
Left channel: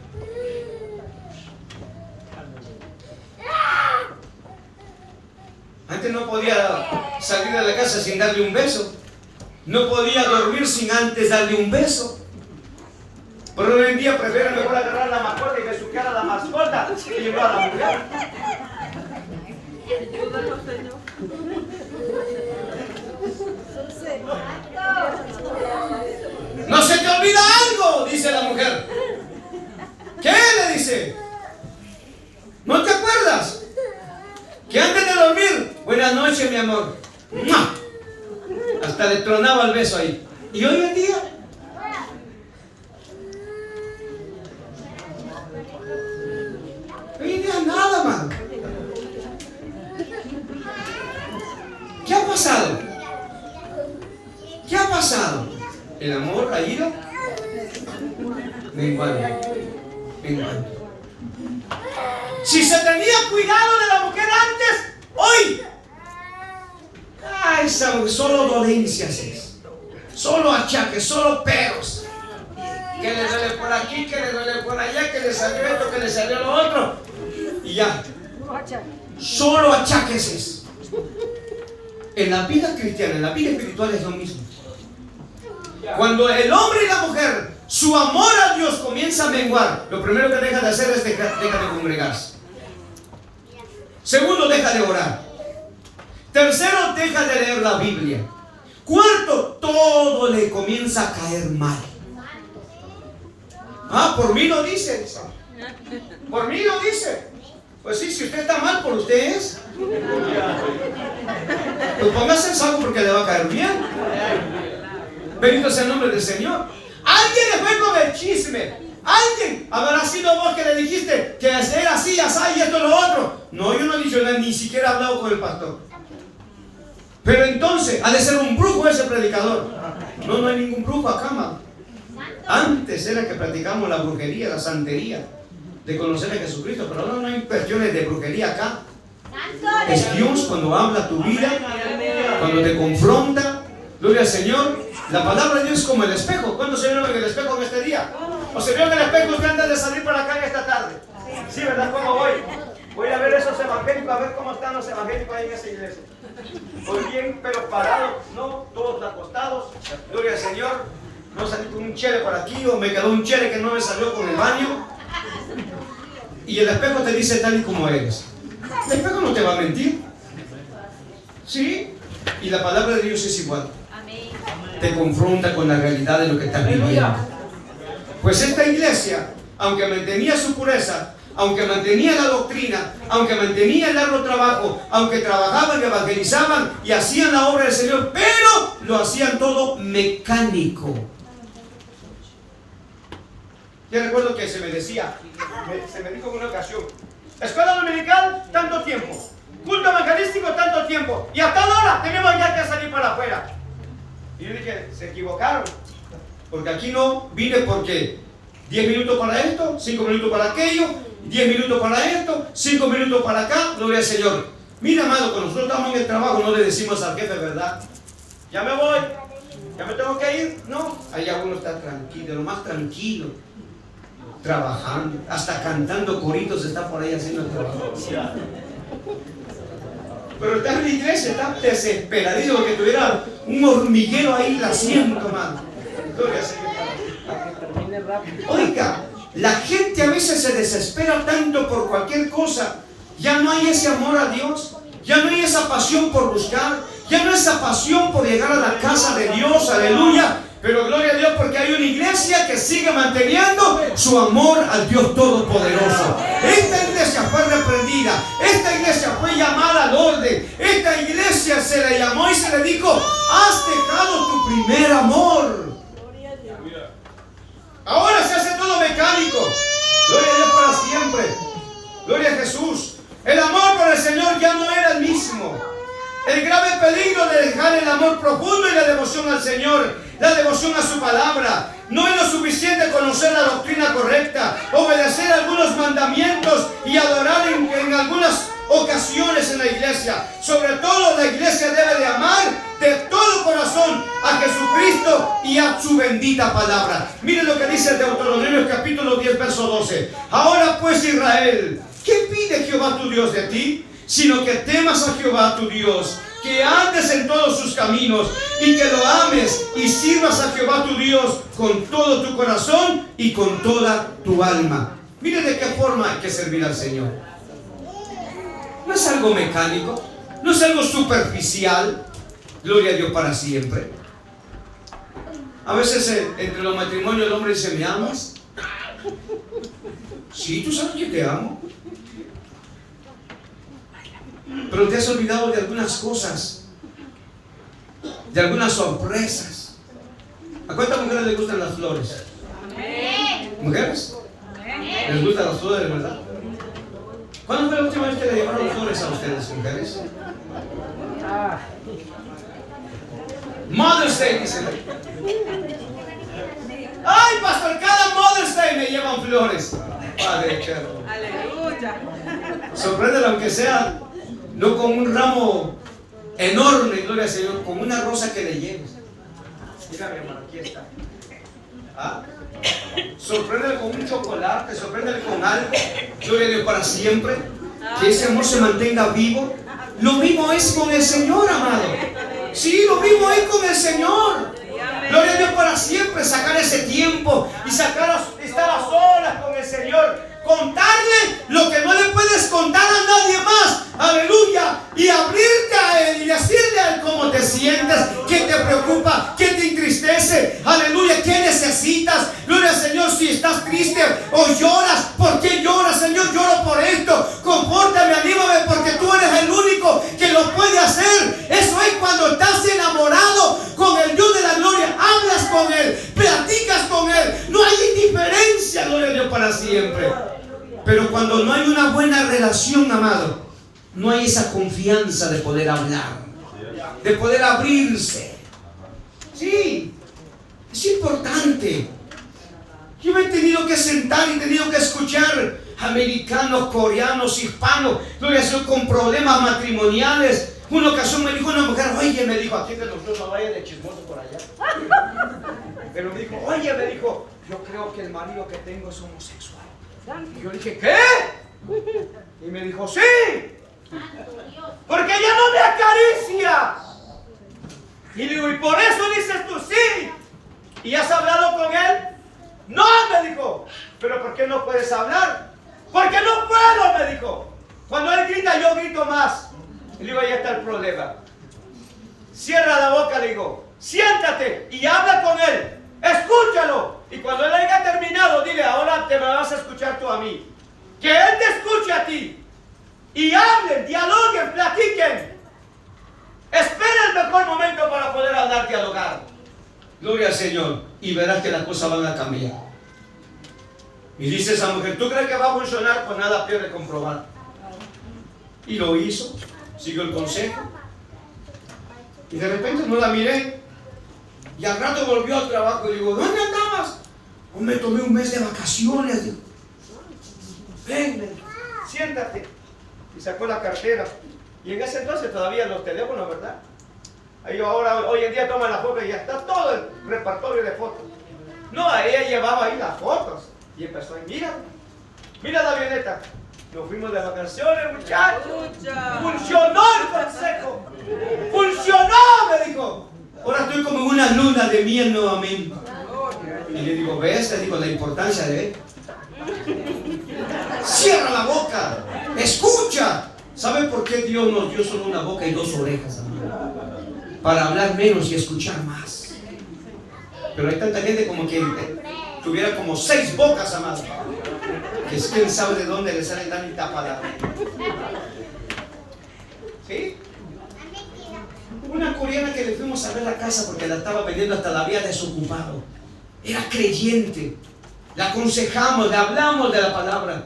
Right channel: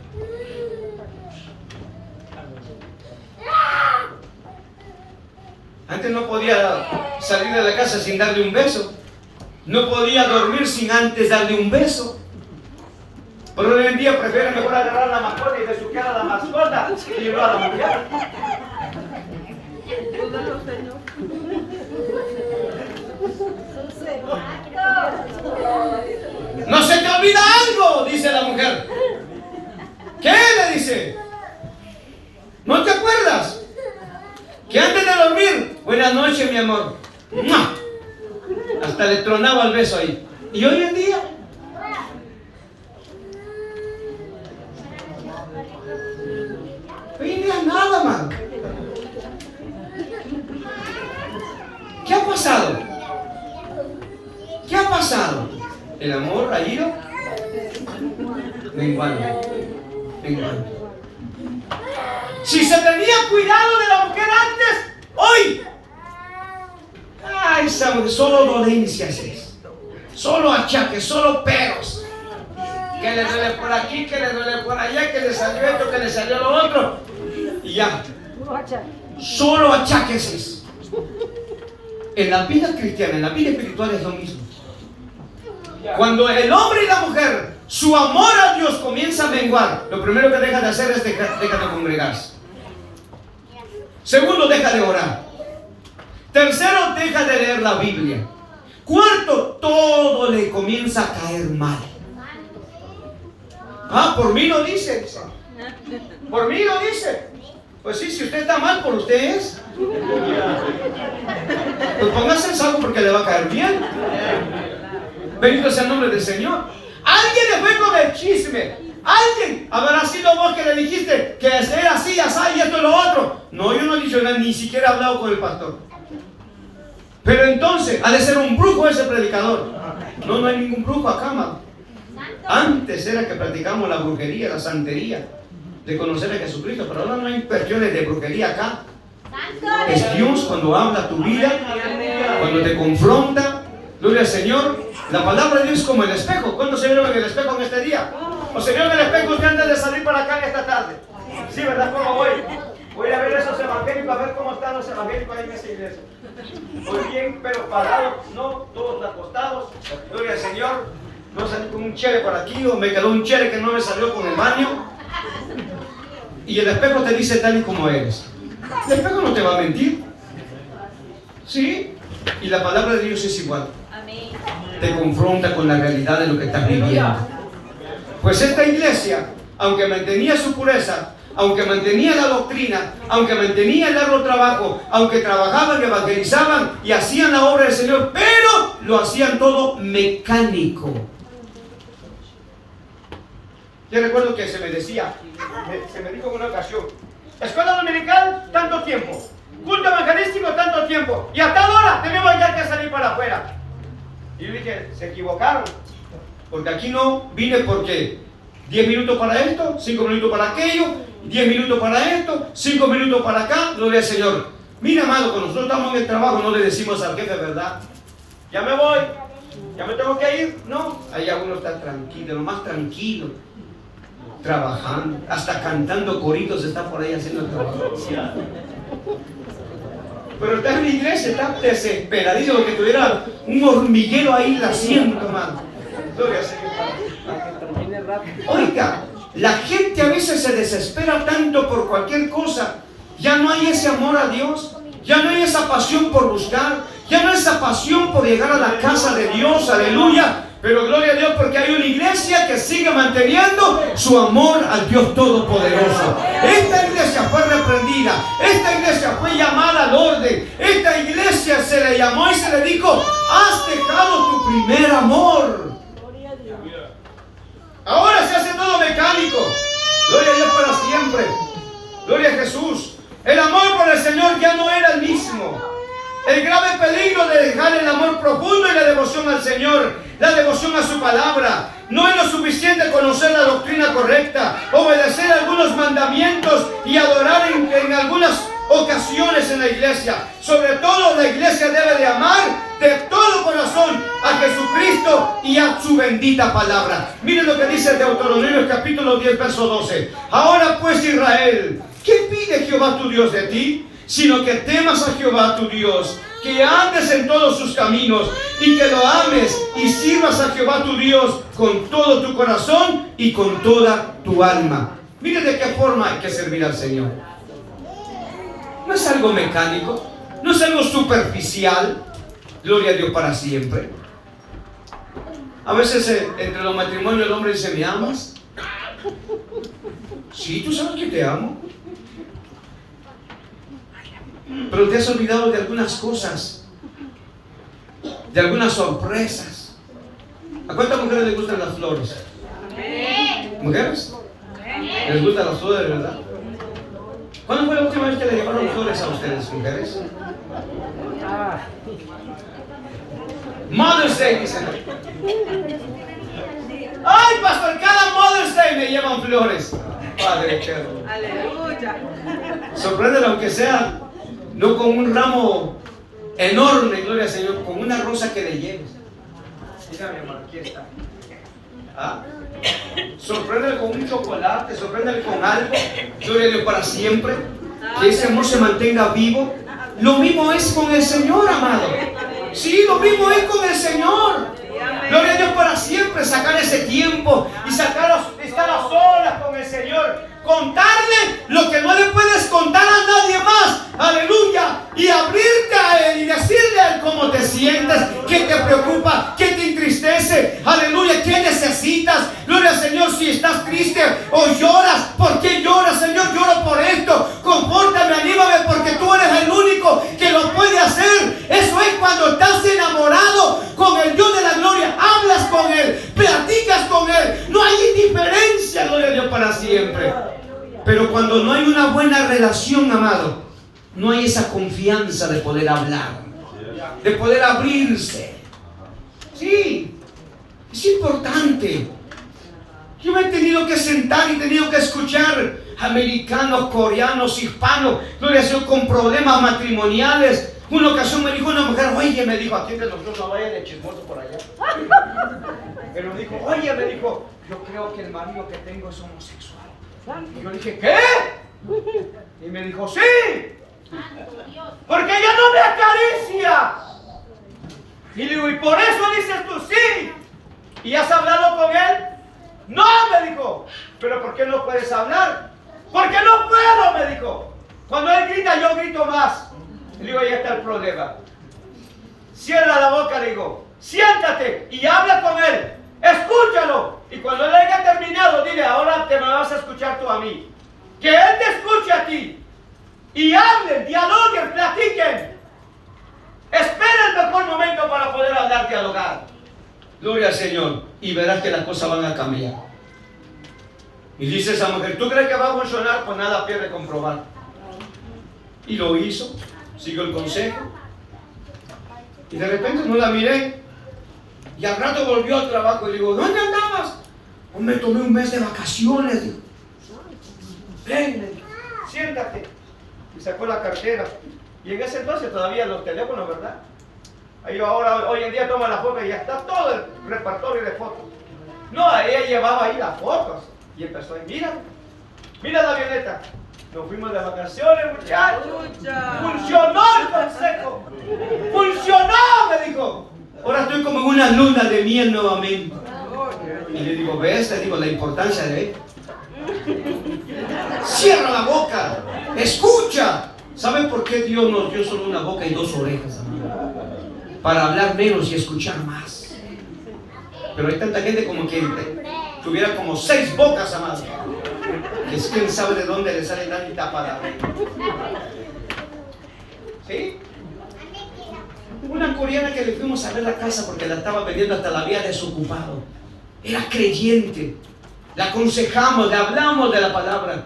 Antes no podía salir de la casa sin darle un beso. No podía dormir sin antes darle un beso. Pero hoy en día prefieren mejor agarrar a la mascota y besuquear a la mascota y llevar a la mujer. No se te olvida algo, dice la mujer. ¿Qué? Le dice. ¿No te acuerdas? Que antes de dormir, buenas noches, mi amor. ¡Mua! Hasta le tronaba el beso ahí. Y hoy en día, nada, man. ¿Qué ha pasado? ¿Qué ha pasado? El amor ha ido menguando. Si se tenía cuidado de la mujer antes, hoy, esa mujer, solo dolencias es, solo achaques, solo peros. Que le duele por aquí, que le duele por allá, que le salió esto, que le salió lo otro. Y ya, solo achaques es. En la vida cristiana, en la vida espiritual es lo mismo. Cuando el hombre y la mujer, su amor a Dios comienza a menguar, lo primero que deja de hacer es deja de congregarse. Segundo, deja de orar. Tercero, deja de leer la Biblia. Cuarto, todo le comienza a caer mal. Ah, por mí lo dice. Por mí lo dice. Pues sí, si usted está mal, por usted es. Pues póngase en salvo porque le va a caer bien. Bendito sea el nombre del Señor. Alguien le fue con el chisme. Alguien habrá sido vos que le dijiste que era así, así y esto y lo otro. No, yo no he dicho nada, ni siquiera he hablado con el pastor. Pero entonces, ha de ser un brujo ese predicador. No, no hay ningún brujo acá, mano. Antes era que practicamos la brujería, la santería, de conocer a Jesucristo, pero ahora no hay cuestiones de brujería acá. Es Dios cuando habla tu vida, cuando te confronta. Gloria al Señor. La palabra de Dios es como el espejo. ¿Cuántos se vieron en el espejo en este día? ¿O se vieron en el espejo usted antes de salir para acá en esta tarde? Sí, ¿verdad? ¿Cómo voy? Voy a ver esos evangélicos, a ver cómo están los evangélicos ahí en esa iglesia. Voy bien, pero parados, no, todos acostados. Gloria al Señor. No salí con un chere por aquí, o me quedó un chere que no me salió con el baño. Y el espejo te dice tal y como eres. El espejo no te va a mentir. ¿Sí? Y la palabra de Dios es igual. Amén. Te confronta con la realidad de lo que estás viviendo. Pues esta iglesia, aunque mantenía su pureza, aunque mantenía la doctrina, aunque mantenía el arduo trabajo, aunque trabajaban, evangelizaban y hacían la obra del Señor, pero lo hacían todo mecánico. Yo recuerdo que se me decía, se me dijo en una ocasión, escuela dominical, tanto tiempo, culto evangelístico, tanto tiempo, y a tal hora tenemos ya que salir para afuera. Y yo dije, se equivocaron, porque aquí no vine porque 10 minutos para esto, 5 minutos para aquello, 10 minutos para esto, 5 minutos para acá, gloria al Señor. Mira, amado, cuando nosotros estamos en el trabajo no le decimos al jefe, ¿verdad? Ya me voy, ya me tengo que ir. No, allá uno está tranquilo, lo más tranquilo, trabajando, hasta cantando coritos está por ahí haciendo el trabajo. Pero está en la iglesia, está desesperadísimo porque tuviera un hormiguero ahí haciendo, hermano. Oiga, la gente a veces se desespera tanto por cualquier cosa. Ya no hay ese amor a Dios, ya no hay esa pasión por buscar, ya no hay esa pasión por llegar a la casa de Dios, aleluya. Pero gloria a Dios porque hay una iglesia que sigue manteniendo su amor al Dios Todopoderoso. Esta iglesia fue reprendida, esta iglesia fue llamada al orden, esta iglesia se le llamó y se le dijo, has dejado tu primer amor. Ahora se hace todo mecánico. Gloria a Dios para siempre. Gloria a Jesús. El amor por el Señor ya no era el mismo. El grave peligro de dejar el amor profundo y la devoción al Señor, la devoción a su palabra. No es lo suficiente conocer la doctrina correcta, obedecer algunos mandamientos y adorar en algunas ocasiones en la iglesia. Sobre todo la iglesia debe de amar de todo corazón a Jesucristo y a su bendita palabra. Miren lo que dice Deuteronomio capítulo 10 verso 12. Ahora pues Israel, ¿qué pide Jehová tu Dios de ti? sino que temas a Jehová tu Dios, que andes en todos sus caminos y que lo ames y sirvas a Jehová tu Dios con todo tu corazón y con toda tu alma. Mire de qué forma hay que servir al Señor. No es algo mecánico, no es algo superficial. Gloria a Dios para siempre. A veces entre los matrimonios el hombre dice, ¿me amas? Sí, tú sabes que te amo. Pero te has olvidado de algunas cosas, de algunas sorpresas. ¿A cuántas mujeres les gustan las flores? ¿Mujeres? ¿Les gustan las flores, de verdad? ¿Cuándo fue la última vez que le llevaron flores a ustedes, mujeres? Mother's Day, dicen. Ay, pastor, cada Mother's Day me llevan flores. Padre eterno. Aleluya. Sorpréndelo, aunque sea no con un ramo enorme, gloria al Señor, con una rosa que le lleves. Mira, mi hermano, aquí está. ¿Ah? Sorpréndelo con un chocolate, sorpréndelo con algo, gloria a Dios para siempre. Que ese amor se mantenga vivo. Lo mismo es con el Señor, amado. Sí, lo mismo es con el Señor. Gloria a Dios para siempre, sacar ese tiempo y estar a solas con el Señor. Contarle lo que no le puedes contar a nadie más. Aleluya. Y abrirte a Él y decirle a Él cómo te sientes, qué te preocupa, qué te entristece. Aleluya, qué necesitas. Gloria al Señor, si estás triste o lloras, ¿por qué lloras? Señor, lloro por esto. Confórtame, anímame, porque tú eres el único que lo puede hacer. Eso es cuando estás enamorado con el Dios de la gloria. Hablas con Él, platicas con Él. No hay indiferencia, gloria a Dios para siempre. Pero cuando no hay una buena relación, amado, no hay esa confianza de poder hablar, de poder abrirse. Sí, es importante. Yo me he tenido que sentar y he tenido que escuchar americanos, coreanos, hispanos, gloria a Dios, con problemas matrimoniales. Una ocasión me dijo una mujer, oye, me dijo, aquí entre nosotros no vaya de chismoso por allá. Pero me dijo, oye, me dijo, yo creo que el marido que tengo es homosexual. Y yo dije, ¿qué? Y me dijo, sí, porque ella no me acaricia. Y le digo, ¿y por eso dices tú sí? ¿Y has hablado con él? No, me dijo. ¿Pero por qué no puedes hablar? Porque no puedo, me dijo. Cuando él grita, yo grito más. Y le digo, ahí está el problema. Cierra la boca, le digo, siéntate y habla con él. Escúchalo. Y cuando él haya terminado, dile, ahora te me vas a escuchar tú a mí. Que él te escuche a ti. Y hablen, dialoguen, platiquen. Espera el mejor momento para poder hablar, dialogar. Gloria al Señor. Y verás que las cosas van a cambiar. Y dice esa mujer, ¿tú crees que va a funcionar? Pues nada pierde comprobar. Y lo hizo. Siguió el consejo. Y de repente no la miré. Y al rato volvió al trabajo y le digo, ¿dónde andabas? Pues me tomé un mes de vacaciones. Ven, siéntate. Y sacó la cartera. Y en ese entonces todavía los teléfonos, ¿verdad? Ahí ahora, hoy en día toma la foto y ya está todo el repertorio de fotos. No, ella llevaba ahí las fotos. Y empezó ahí, mira la avioneta. Nos fuimos de vacaciones, muchachos. Funcionó el consejo. Funcionó, me dijo. Ahora estoy como en una luna de miel nuevamente. Y le digo, ¿ves? Le digo la importancia de él. Cierra la boca. Escucha. ¿Saben por qué Dios nos dio solo una boca y dos orejas, amigo? Para hablar menos y escuchar más. Pero hay tanta gente como que tuviera como 6 bocas, amado. Que es que él sabe de dónde le sale la tapada. ¿Sí? Una coreana que le fuimos a ver la casa porque la estaba vendiendo, hasta la había desocupado. Era creyente. La aconsejamos, le hablamos de la palabra.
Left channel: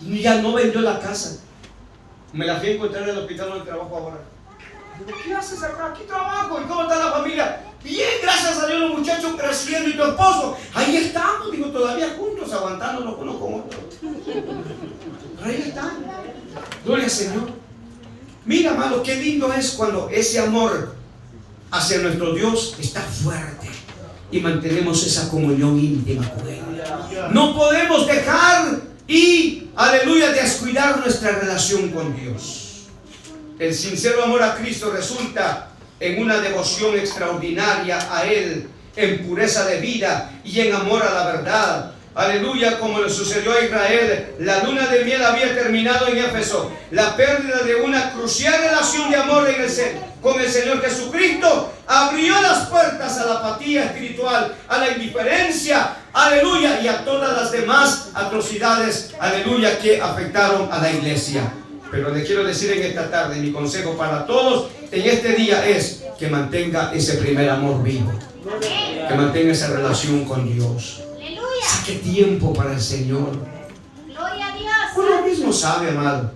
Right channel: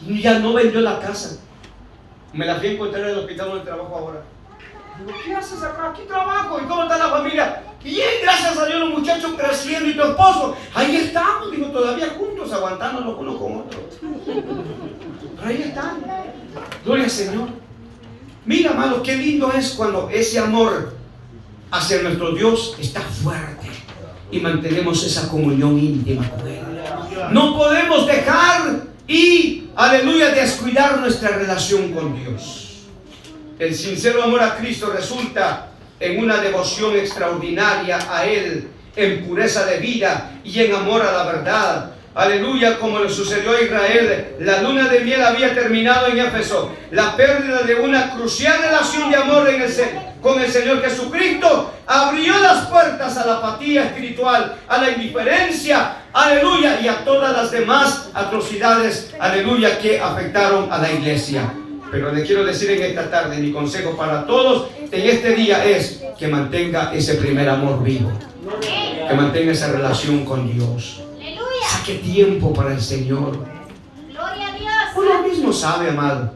Y ya no vendió la casa. Me la fui a encontrar en el hospital donde trabajo ahora. Digo, ¿qué haces acá? Aquí trabajo. ¿Y cómo está la familia? Bien, gracias a Dios, los muchachos creciendo. ¿Y tu esposo? Ahí estamos, digo, todavía juntos, aguantándonos uno con otro. Pero ahí están. Gloria al Señor. Mira, amado, qué lindo es cuando ese amor hacia nuestro Dios está fuerte y mantenemos esa comunión íntima con Él. No podemos dejar y, aleluya, descuidar cuidar nuestra relación con Dios. El sincero amor a Cristo resulta en una devoción extraordinaria a Él, en pureza de vida y en amor a la verdad. Aleluya, como le sucedió a Israel. La luna de miel había terminado en Éfeso. La pérdida de una crucial relación de amor con el Señor Jesucristo abrió las puertas a la apatía espiritual, a la indiferencia, aleluya, y a todas las demás atrocidades, aleluya, que afectaron a la iglesia. Pero le quiero decir en esta tarde, mi consejo para todos en este día es que mantenga ese primer amor vivo, que mantenga esa relación con Dios. Saque tiempo para el Señor. Gloria a Dios. Uno mismo sabe, amado.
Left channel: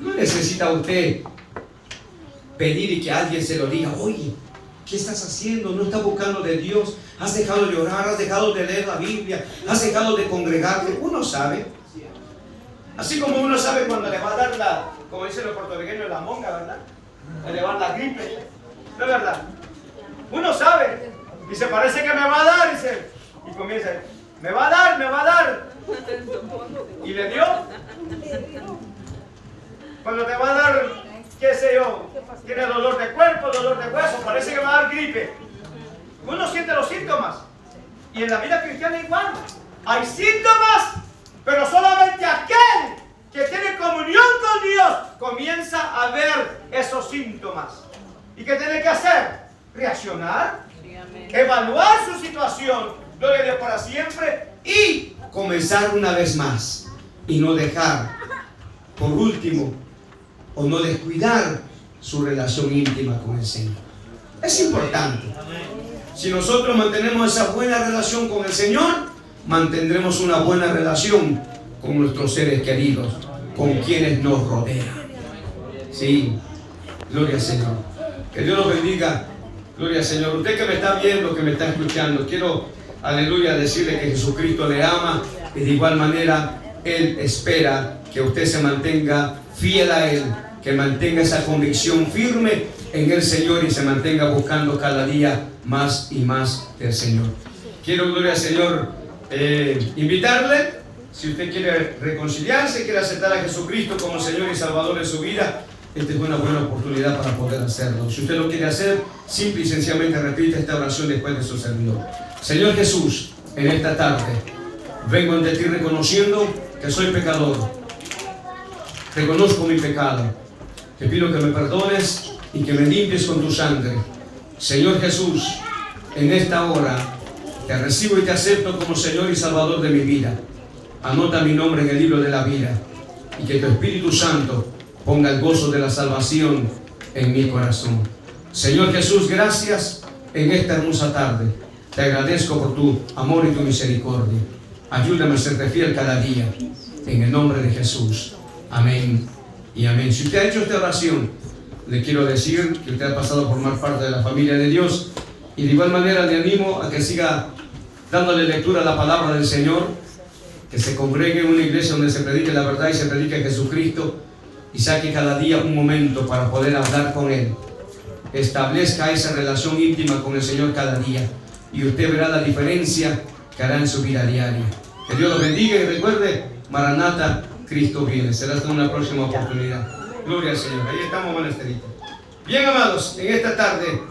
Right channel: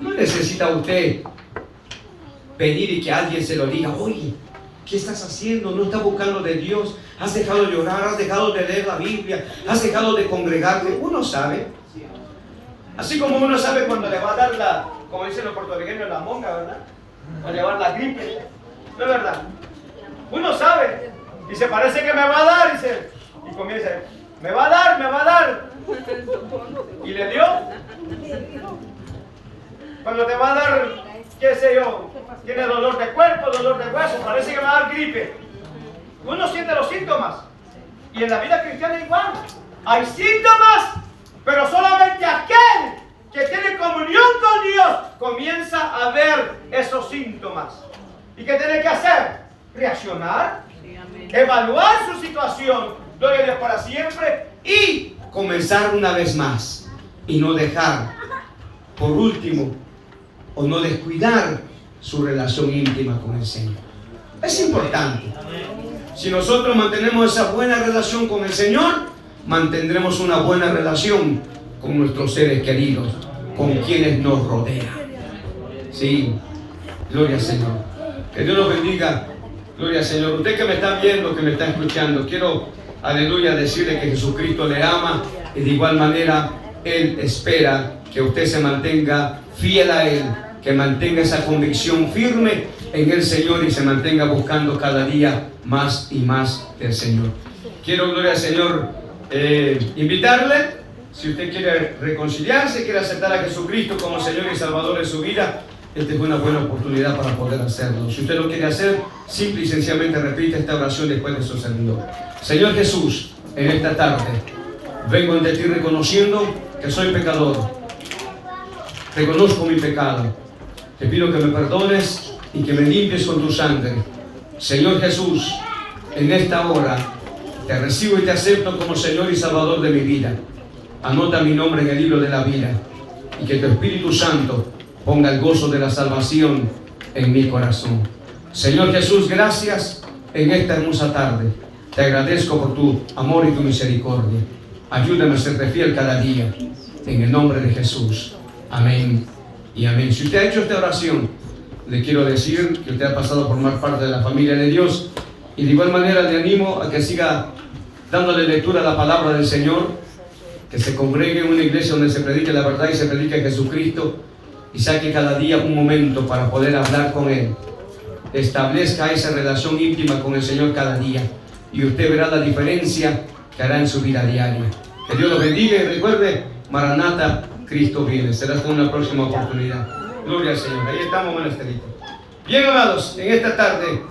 No necesita usted pedir y que alguien se lo diga. Oye, ¿qué estás haciendo? ¿No estás buscando de Dios? ¿Has dejado de orar? ¿Has dejado de leer la Biblia? ¿Has dejado de congregarte? Uno sabe. Así como uno sabe cuando le va a dar la, como dicen los puertorriqueños, la monga, ¿verdad? A llevar la gripe. ¿No es verdad? Uno sabe. Y se parece que me va a dar, dice. Y comienza, me va a dar, me va a dar. ¿Y le dio? Cuando te va a dar, qué sé yo, tiene dolor de cuerpo, dolor de hueso, parece que va a dar gripe. Uno siente los síntomas. Y en la vida cristiana igual. Hay síntomas, pero solamente aquel que tiene comunión con Dios comienza a ver esos síntomas. ¿Y qué tiene que hacer? Reaccionar, evaluar su situación. Gloria a Dios para siempre y comenzar una vez más y no dejar por último o no descuidar su relación íntima con el Señor. Es importante. Si nosotros mantenemos esa buena relación con el Señor, mantendremos una buena relación con nuestros seres queridos, con quienes nos rodean. Sí, gloria al Señor. Que Dios los bendiga. Gloria al Señor. Usted que me está viendo, que me está escuchando, quiero aleluya, decirle que Jesucristo le ama y de igual manera Él espera que usted se mantenga fiel a Él, que mantenga esa convicción firme en el Señor y se mantenga buscando cada día más y más del Señor. Quiero, gloria al Señor, invitarle, si usted quiere reconciliarse, quiere aceptar a Jesucristo como Señor y Salvador de su vida, esta es una buena oportunidad para poder hacerlo. Si usted lo quiere hacer, simple y sencillamente repite esta oración después de su servidor. Señor Jesús, en esta tarde vengo ante ti reconociendo que soy pecador. Reconozco mi pecado. Te pido que me perdones y que me limpies con tu sangre. Señor Jesús, en esta hora te recibo y te acepto como Señor y Salvador de mi vida. Anota mi nombre en el libro de la vida y que tu Espíritu Santo ponga el gozo de la salvación en mi corazón. Señor Jesús, gracias en esta hermosa tarde. Te agradezco por tu amor y tu misericordia. Ayúdame a serte fiel cada día. En el nombre de Jesús. Amén y amén. Si usted ha hecho esta oración, le quiero decir que usted ha pasado a formar parte de la familia de Dios. Y de igual manera le animo a que siga dándole lectura a la palabra del Señor, que se congregue en una iglesia donde se predique la verdad y se predique Jesucristo, y saque cada día un momento para poder hablar con Él. Establezca esa relación íntima con el Señor cada día y usted verá la diferencia que hará en su vida diaria. Que Dios lo bendiga y recuerde, Maranata, Cristo viene. Será hasta una próxima oportunidad. Gloria al Señor. Ahí estamos, monasterito. Bien, amados, en esta tarde